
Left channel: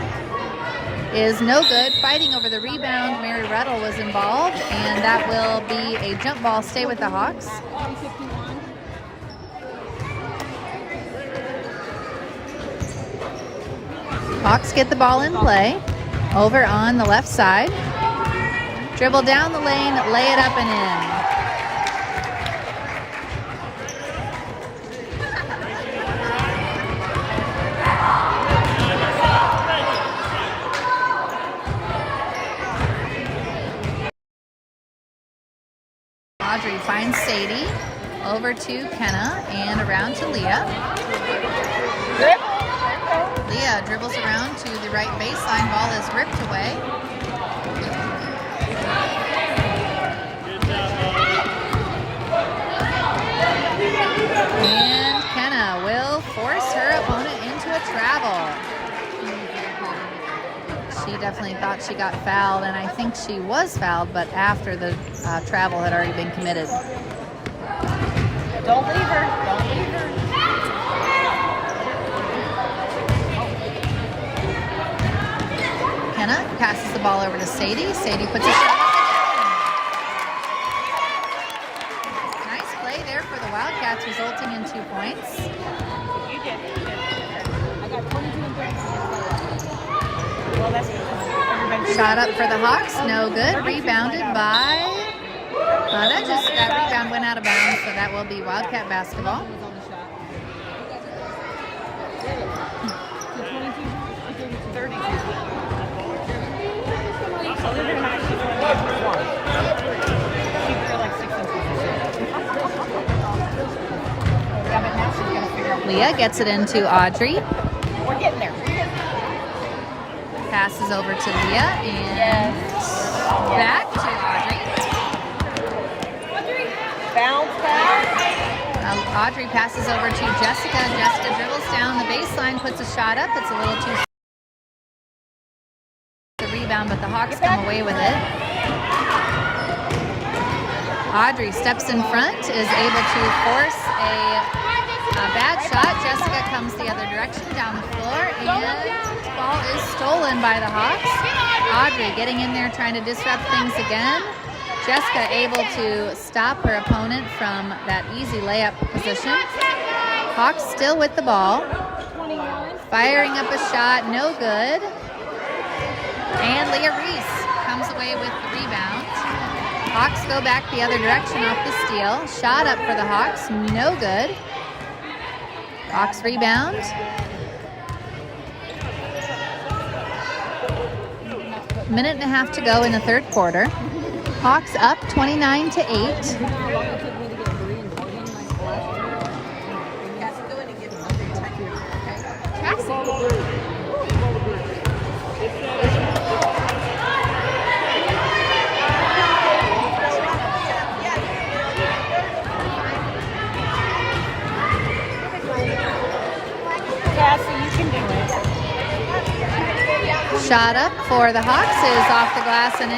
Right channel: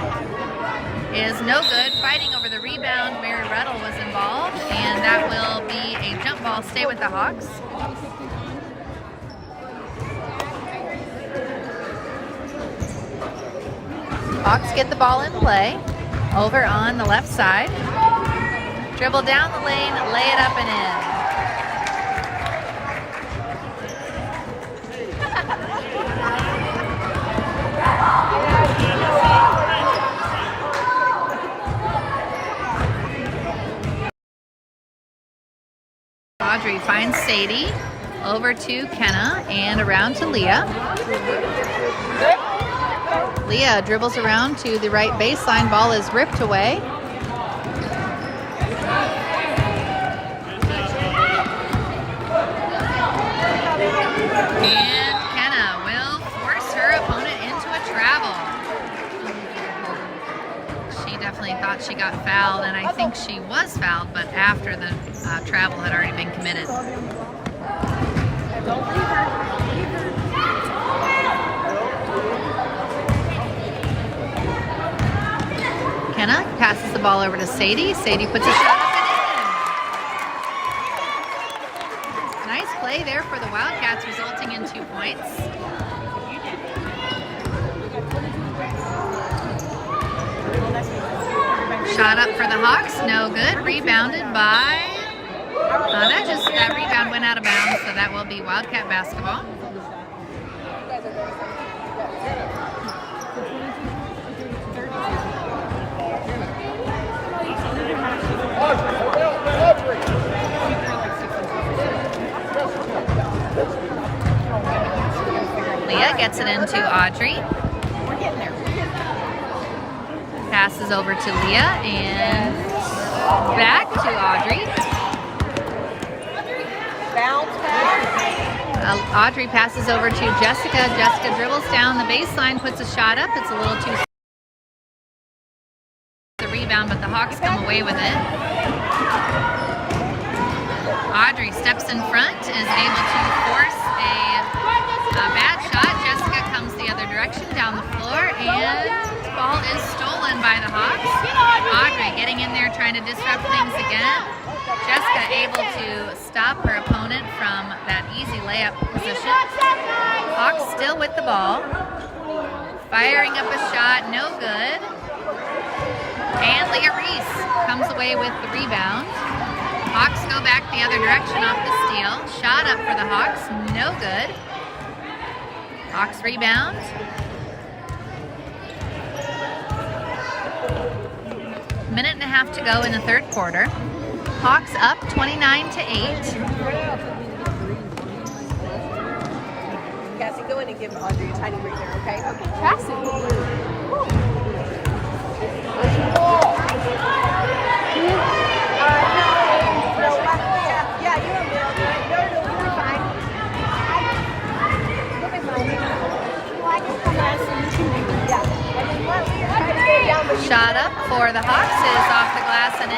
is no good. Fighting over the rebound, Mary Rettle was involved, and that will be a jump ball. Stay with the Hawks. Hawks get the ball in play. Over on the left side. Dribble down the lane, lay it up and in. Audrey finds Sadie, over to Kenna, and around to Leah. Leah dribbles around to the right baseline. Ball is ripped away. And Kenna will force her opponent into a travel. She definitely thought she got fouled, and I think she was fouled, but after the travel had already been committed. Don't leave her. Don't leave her. Kenna passes the ball over to Sadie. Sadie puts it up. Nice play there for the Wildcats, resulting in 2 points. You did. Shot up for the Hawks, no good. Rebounded by, that rebound went out of bounds, so that will be Wildcat basketball. Leah gets it into Audrey. We're getting there. Passes over to Leah and back to Audrey. Audrey passes over to Jessica. Jessica dribbles down the baseline, puts a shot up. It's a little too the rebound, but the Hawks come away with it. Audrey steps in front, is able to force a bad shot. Jessica comes the other direction down the floor, and the ball is stolen by the Hawks. Audrey getting in there, trying to disrupt things again. Jessica able to stop her opponent from that easy layup position. Hawks still with the ball. Firing up a shot, no good. And Leah Reese comes away with the rebound. Hawks go back the other direction off the steal. Shot up for the Hawks, no good. Hawks rebound. Minute and a half to go in the third quarter. Hawks up 29-8. Cassie, go in and give Audrey a tiny break, okay? Shot up for the Hawks is off the glass and in.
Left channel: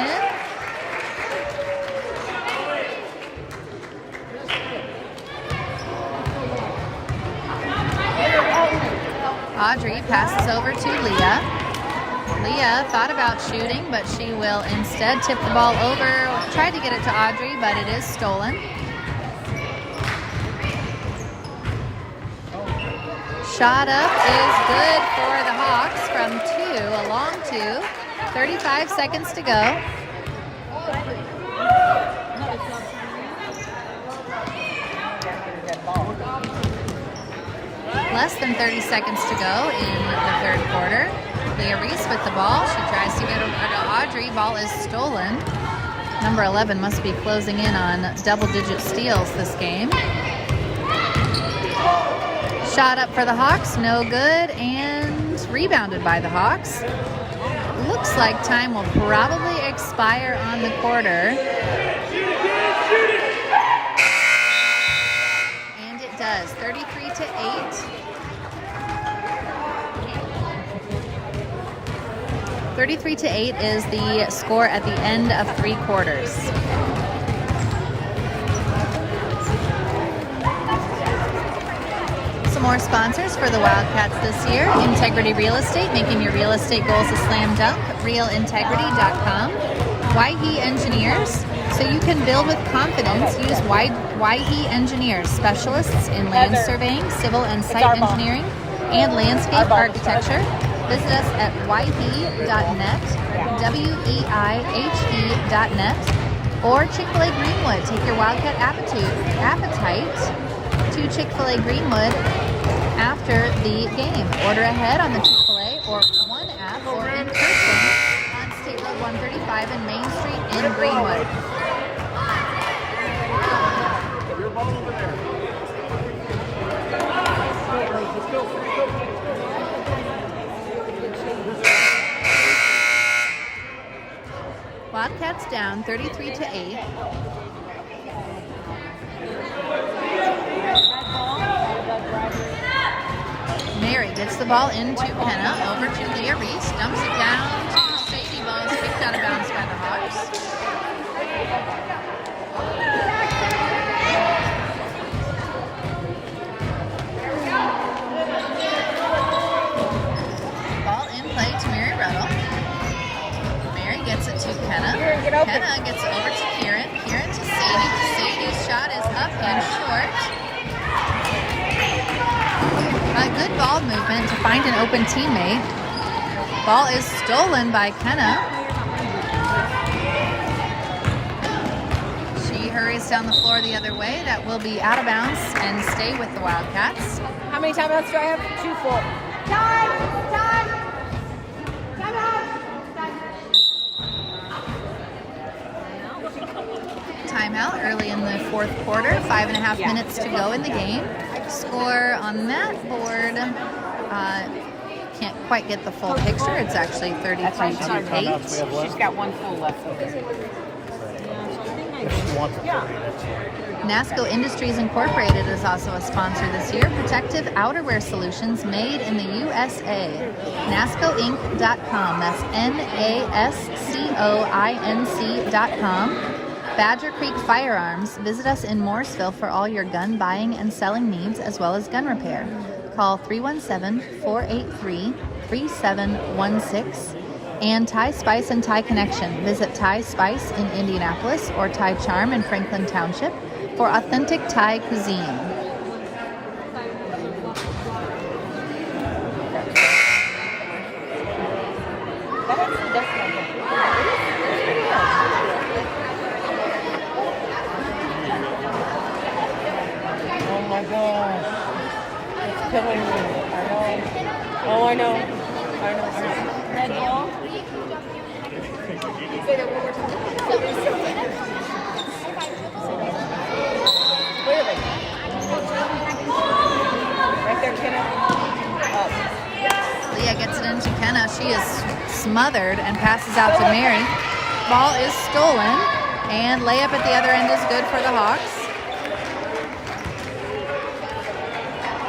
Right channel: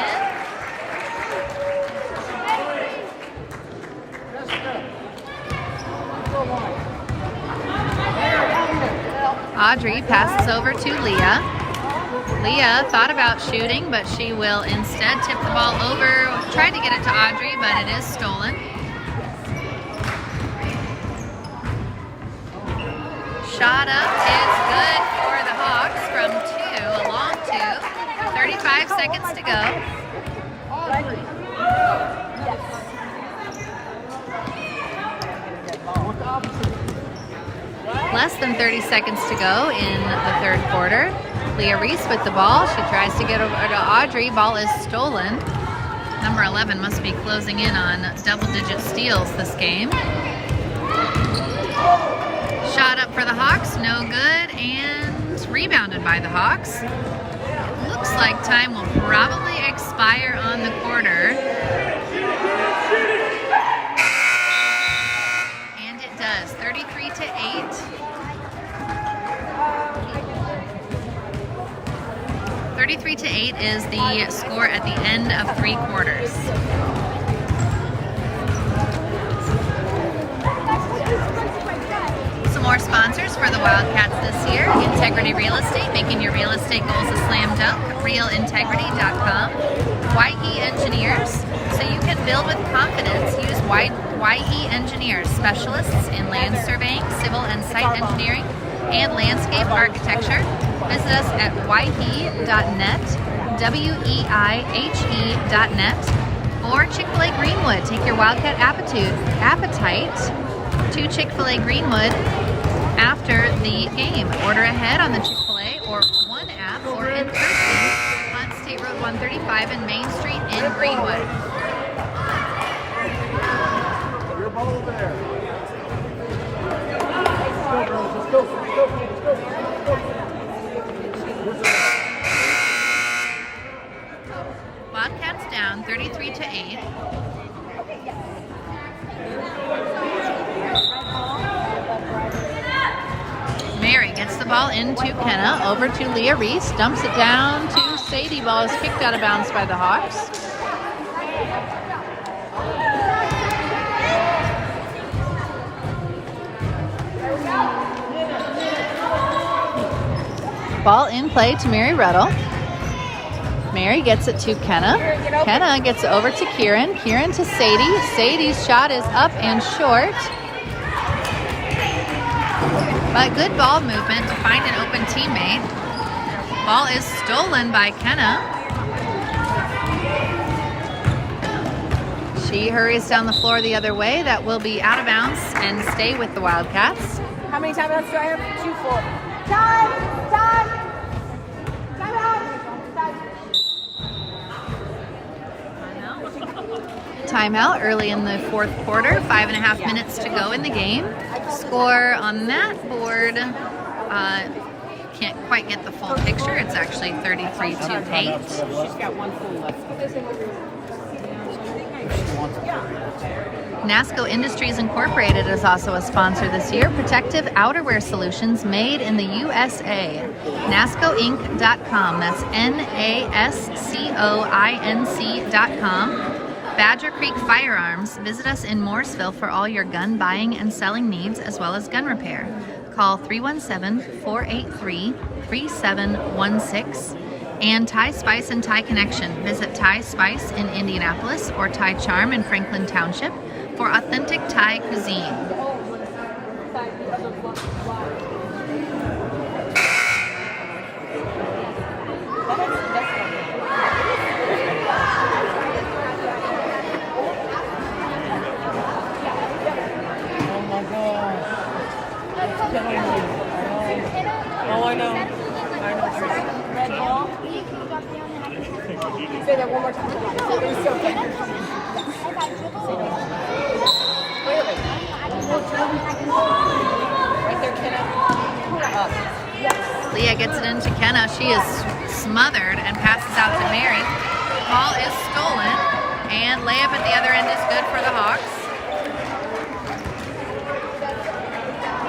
Audrey passes over to Leah. Leah thought about shooting, but she will instead tip the ball over. Tried to get it to Audrey, but it is stolen. Shot up is good for the Hawks from 2, a long 2. 35 seconds to go. Less than 30 seconds to go in the third quarter. Leah Reese with the ball. She tries to get over to Audrey. Ball is stolen. Number 11 must be closing in on double-digit steals this game. Shot up for the Hawks, no good, and rebounded by the Hawks. Looks like time will probably expire on the quarter. And it does, 33-8. 33-8 is the score at the end of 3 quarters. Some more sponsors for the Wildcats this year. Integrity Real Estate, making your real estate goals a slam dunk. RealIntegrity.com. Waihe Engineers, so you can build with confidence. Use Waihe Engineers, specialists in land surveying, civil and site engineering, and landscape architecture. Visit us at waihe.net, WEIHE.net, or Chick-fil-A Greenwood. Take your Wildcat appetite to Chick-fil-A Greenwood after the game. Order ahead on the Chick-fil-A or One app or in person on State Road 135 and Main Street in Greenwood. Your ball over there. Wildcats down 33-8. Mary gets the ball into Kenna, over to Leah Reese, dumps it down to Sadie. Ball is kicked out of bounds by the Hawks. Ball in play to Mary Ruddle. Mary gets it to Kenna. Kenna gets it over to Kieran. Kieran to Sadie. Sadie's shot is up and short. But good ball movement to find an open teammate. Ball is stolen by Kenna. She hurries down the floor the other way. That will be out of bounds and stay with the Wildcats. How many timeouts do I have? 2 full. Timeout early in the fourth quarter. 5.5 minutes to go in the game. score on that board, can't quite get the full picture. It's actually 33 How many to timeouts we 8. have She's left? got one full left. If she wants it, 30 minutes. NASCO Industries Incorporated is also a sponsor this year. Protective outerwear solutions made in the USA. NASCOinc.com. That's NASCOINC.com. Badger Creek Firearms. Visit us in Morrisville for all your gun buying and selling needs, as well as gun repair. Call 317-483-3716. And Thai Spice and Thai Connection. Visit Thai Spice in Indianapolis or Thai Charm in Franklin Township for authentic Thai cuisine. Oh, I know. Say that one more time. Leah gets it into Kenna. She is smothered and passes out to Mary. Ball is stolen, and layup at the other end is good for the Hawks.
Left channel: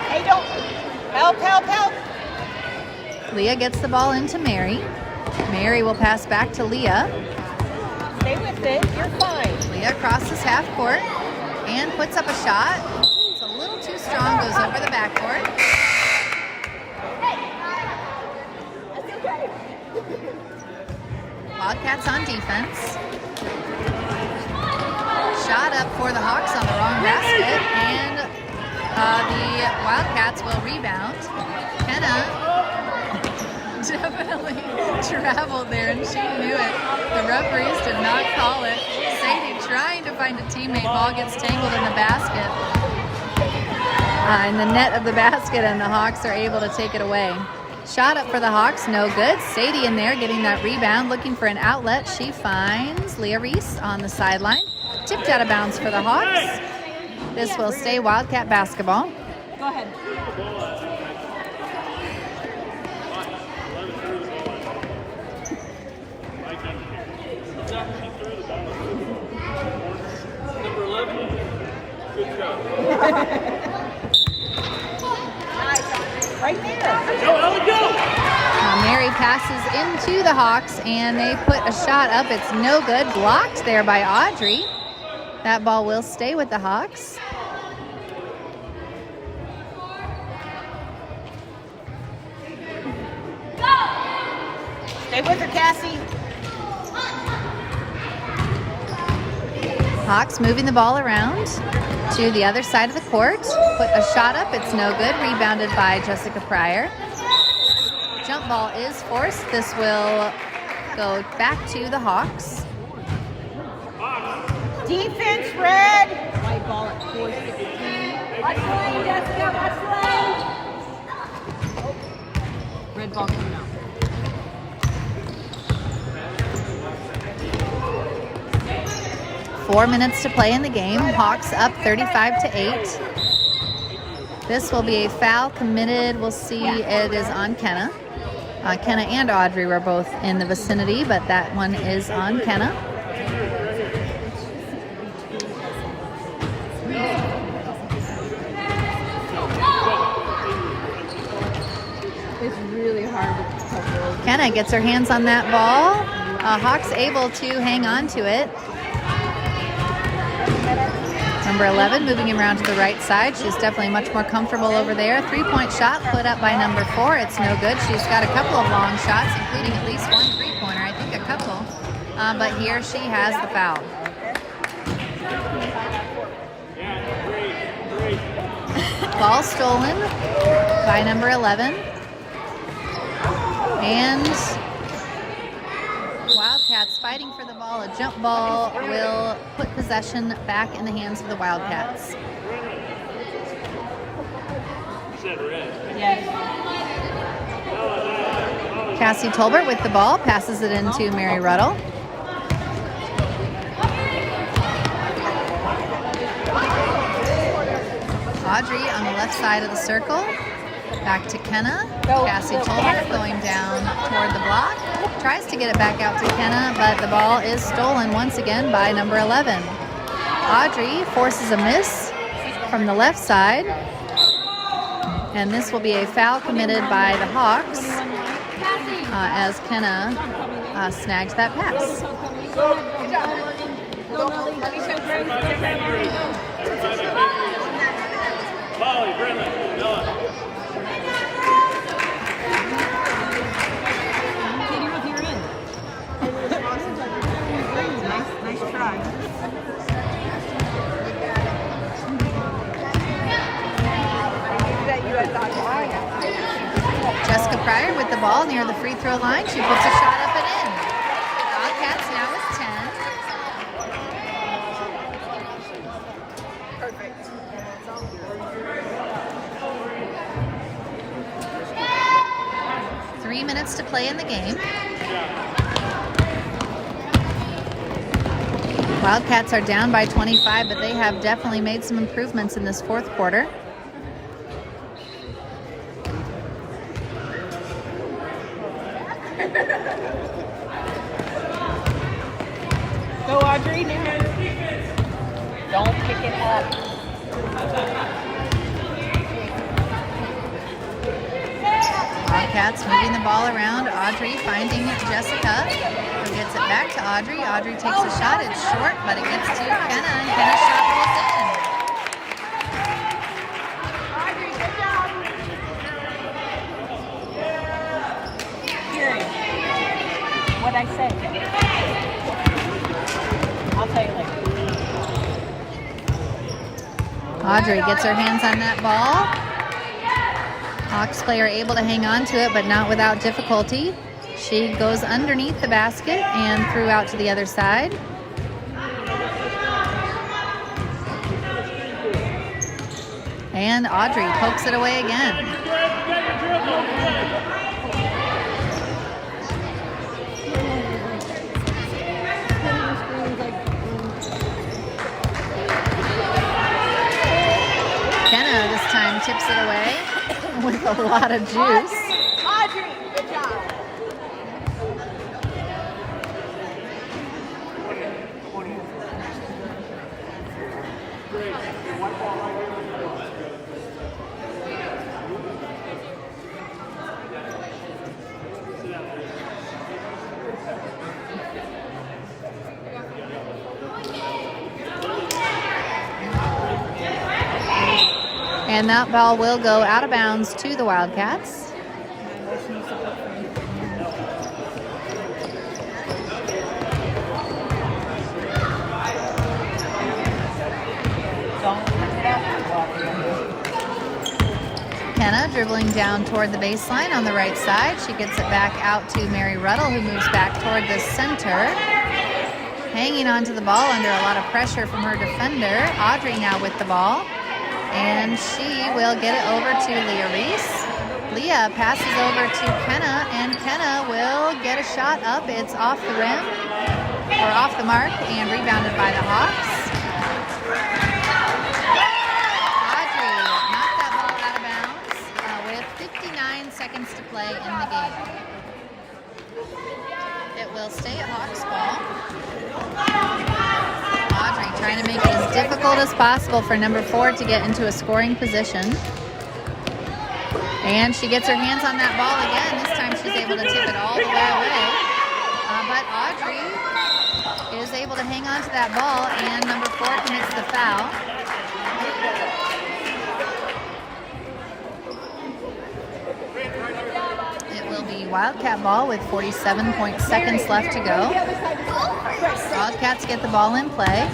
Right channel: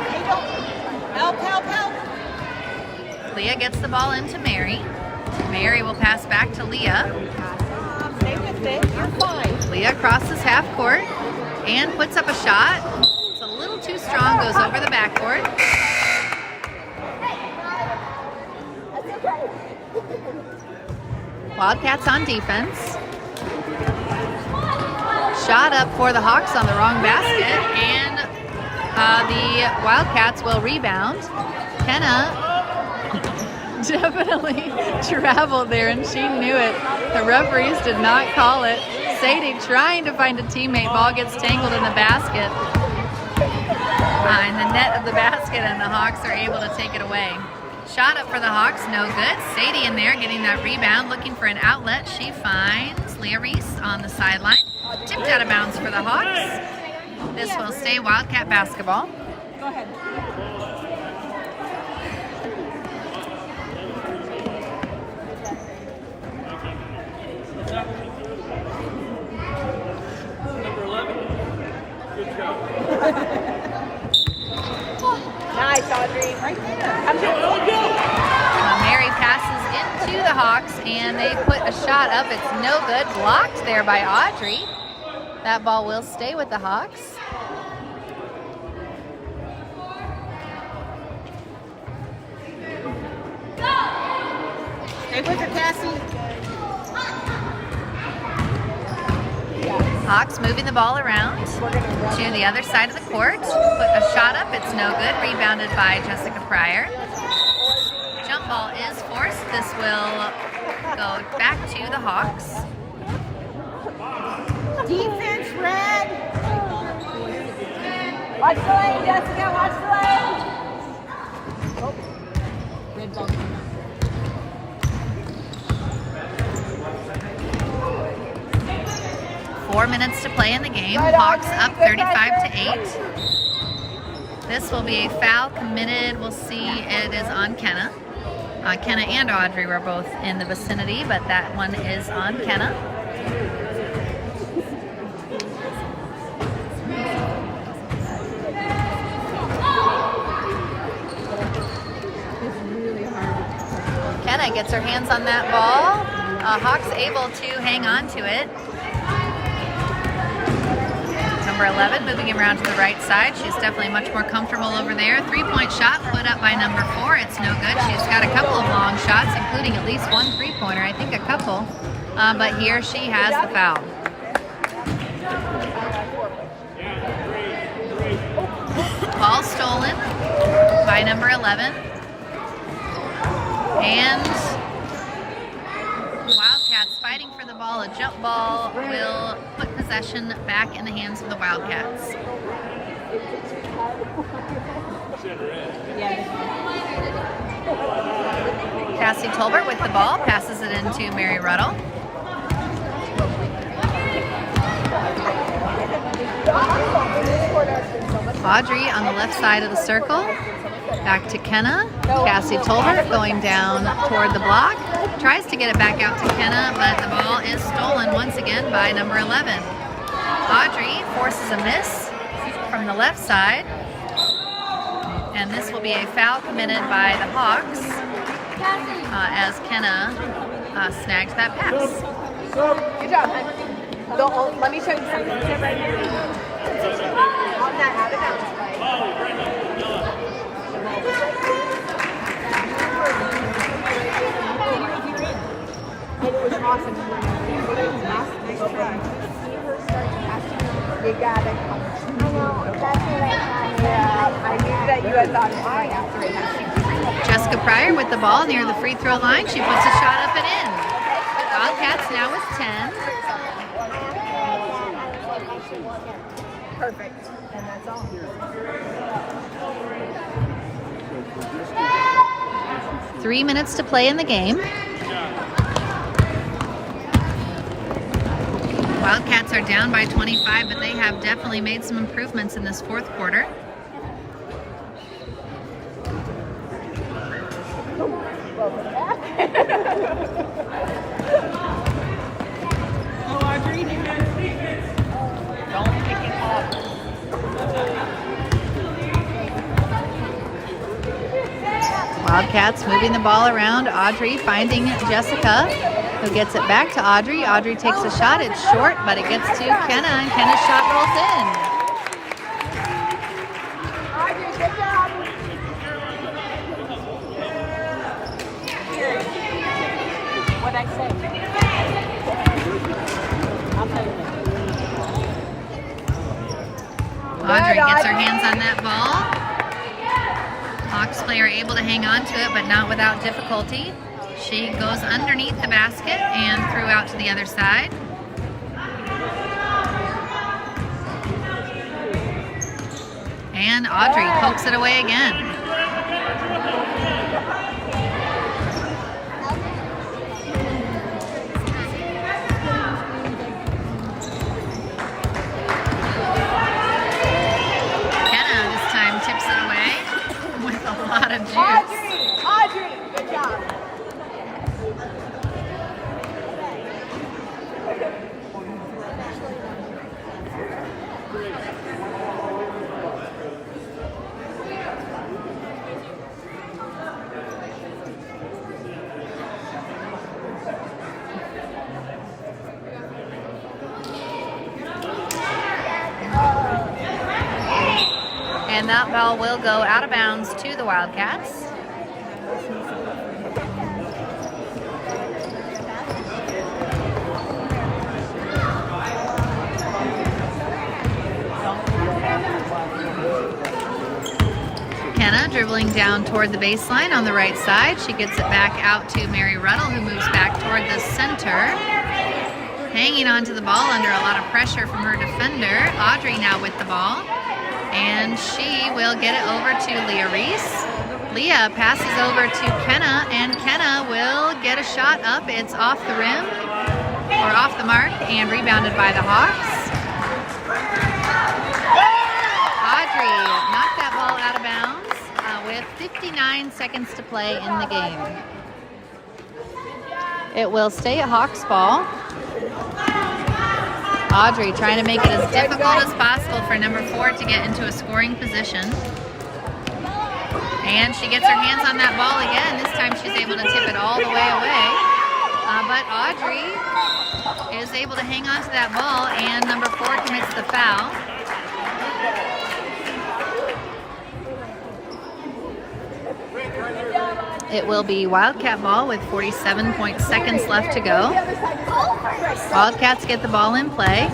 Hey, don't. Help, help, help. Leah gets the ball into Mary. Mary will pass back to Leah. Stay with it. You're fine. Leah crosses half court and puts up a shot. It's a little too strong, goes over the backboard. Wildcats on defense. Shot up for the Hawks on the wrong basket, and the Wildcats will rebound. Kenna definitely traveled there, and she knew it. The referees did not call it. Sadie trying to find a teammate. Ball gets tangled in the basket, in the net of the basket, and the Hawks are able to take it away. Shot up for the Hawks, no good. Sadie in there getting that rebound, looking for an outlet. She finds Leah Reese on the sideline. Tipped out of bounds for the Hawks. This will stay Wildcat basketball. Go ahead. Number 11. Good job. Nice, Audrey. Right there. Mary passes into the Hawks, and they put a shot up. It's no good. Blocked there by Audrey. That ball will stay with the Hawks. Stay with her, Cassie. Hawks moving the ball around to the other side of the court. Put a shot up. It's no good. Rebounded by Jessica Pryor. Jump ball is forced. This will go back to the Hawks. Defense, red. Watch the lane, Jessica. Watch the lane. Red ball. 4 minutes to play in the game. Hawks up 35-8. This will be a foul committed. We'll see. It is on Kenna. Kenna and Audrey were both in the vicinity, but that one is on Kenna. It's really hard to cover. Kenna gets her hands on that ball. Hawks able to hang on to it. Number 11 moving around to the right side. She's definitely much more comfortable over there. 3-point shot put up by number 4. It's no good. She's got a couple of long shots, including at least one three-pointer. I think a couple. But here she has the foul. Ball stolen by number 11. And Wildcats fighting for the ball. A jump ball will put possession back in the hands of the Wildcats. Yes. Cassie Tolbert with the ball, passes it into Mary Ruddle. Audrey on the left side of the circle. Back to Kenna. Cassie Tolbert going down toward the block. Tries to get it back out to Kenna, but the ball is stolen once again by number 11. Audrey forces a miss from the left side. And this will be a foul committed by the Hawks as Kenna snags that pass. Good job. Let me show you. Volley, Brittany. No. Nice try. You got it. Jessica Pryor with the ball near the free throw line. She puts a shot up and in. Wildcats now with 10. Perfect. 3 minutes to play in the game. Wildcats are down by 25, but they have definitely made some improvements in this fourth quarter. Go, Audrey. Don't pick it up. Wildcats moving the ball around. Audrey finding Jessica, who gets it back to Audrey. Audrey takes a shot. It's short, but it gets to Kenna, and Kenna's shot rolls in. Audrey, good job. What I said. I'll tell you later. Audrey gets her hands on that ball. Hawks player able to hang on to it, but not without difficulty. She goes underneath the basket and threw out to the other side. And Audrey pokes it away again. Kenna this time tips it away with a lot of juice. Audrey, good job. And that ball will go out of bounds to the Wildcats. Kenna dribbling down toward the baseline on the right side. She gets it back out to Mary Ruddle, who moves back toward the center. Hanging onto the ball under a lot of pressure from her defender. Audrey now with the ball. And she will get it over to Leah Reese. Leah passes over to Kenna, and Kenna will get a shot up. It's off the rim, or off the mark, and rebounded by the Hawks. Audrey knocked that ball out of bounds with 59 seconds to play in the game. It will stay a Hawks ball. Audrey trying to make it as difficult as possible for number 4 to get into a scoring position. And she gets her hands on that ball again. This time she's able to tip it all the way away. But Audrey is able to hang on to that ball, and number 4 commits the foul. It will be Wildcat ball with 47 seconds left to go. Wildcats get the ball in play.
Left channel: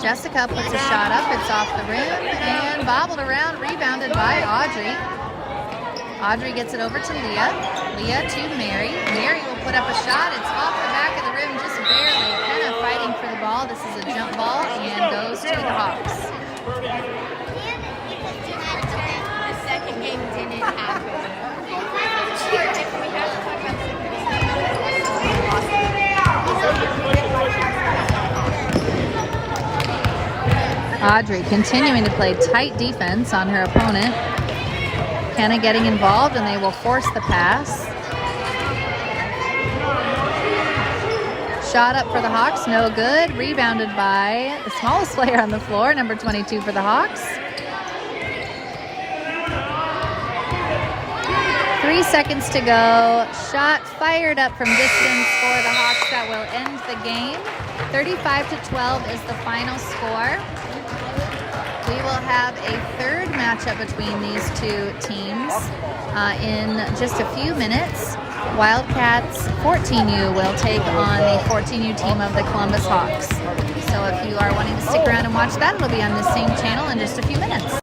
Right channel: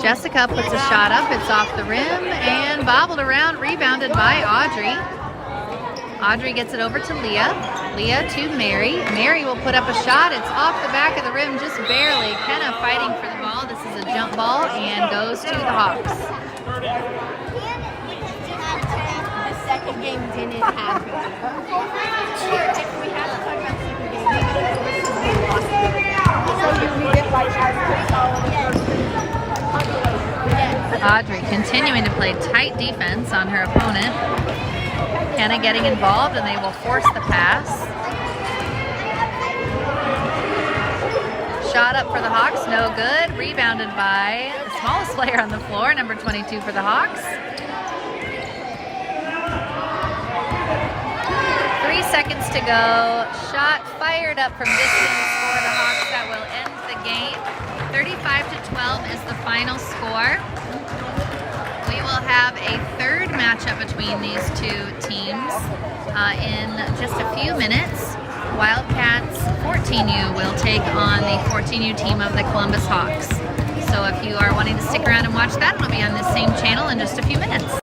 Jessica puts a shot up. It's off the rim and bobbled around, rebounded by Audrey. Audrey gets it over to Leah. Leah to Mary. Mary will put up a shot. It's off the back of the rim just barely. Kenna fighting for the ball. This is a jump ball and goes to the Hawks. The second game didn't happen. Audrey continues continuing to play tight defense on her opponent. Kenna getting involved, and they will force the pass. Shot up for the Hawks, no good. Rebounded by the smallest player on the floor, number 22 for the Hawks. 3 seconds to go. Shot fired up from distance for the Hawks. That will end the game. 35-12 is the final score. We will have a third matchup between these two teams in just a few minutes. Wildcats 14U will take on the 14U team of the Columbus Hawks. So if you are wanting to stick around and watch that, it'll be on this same channel in just a few minutes.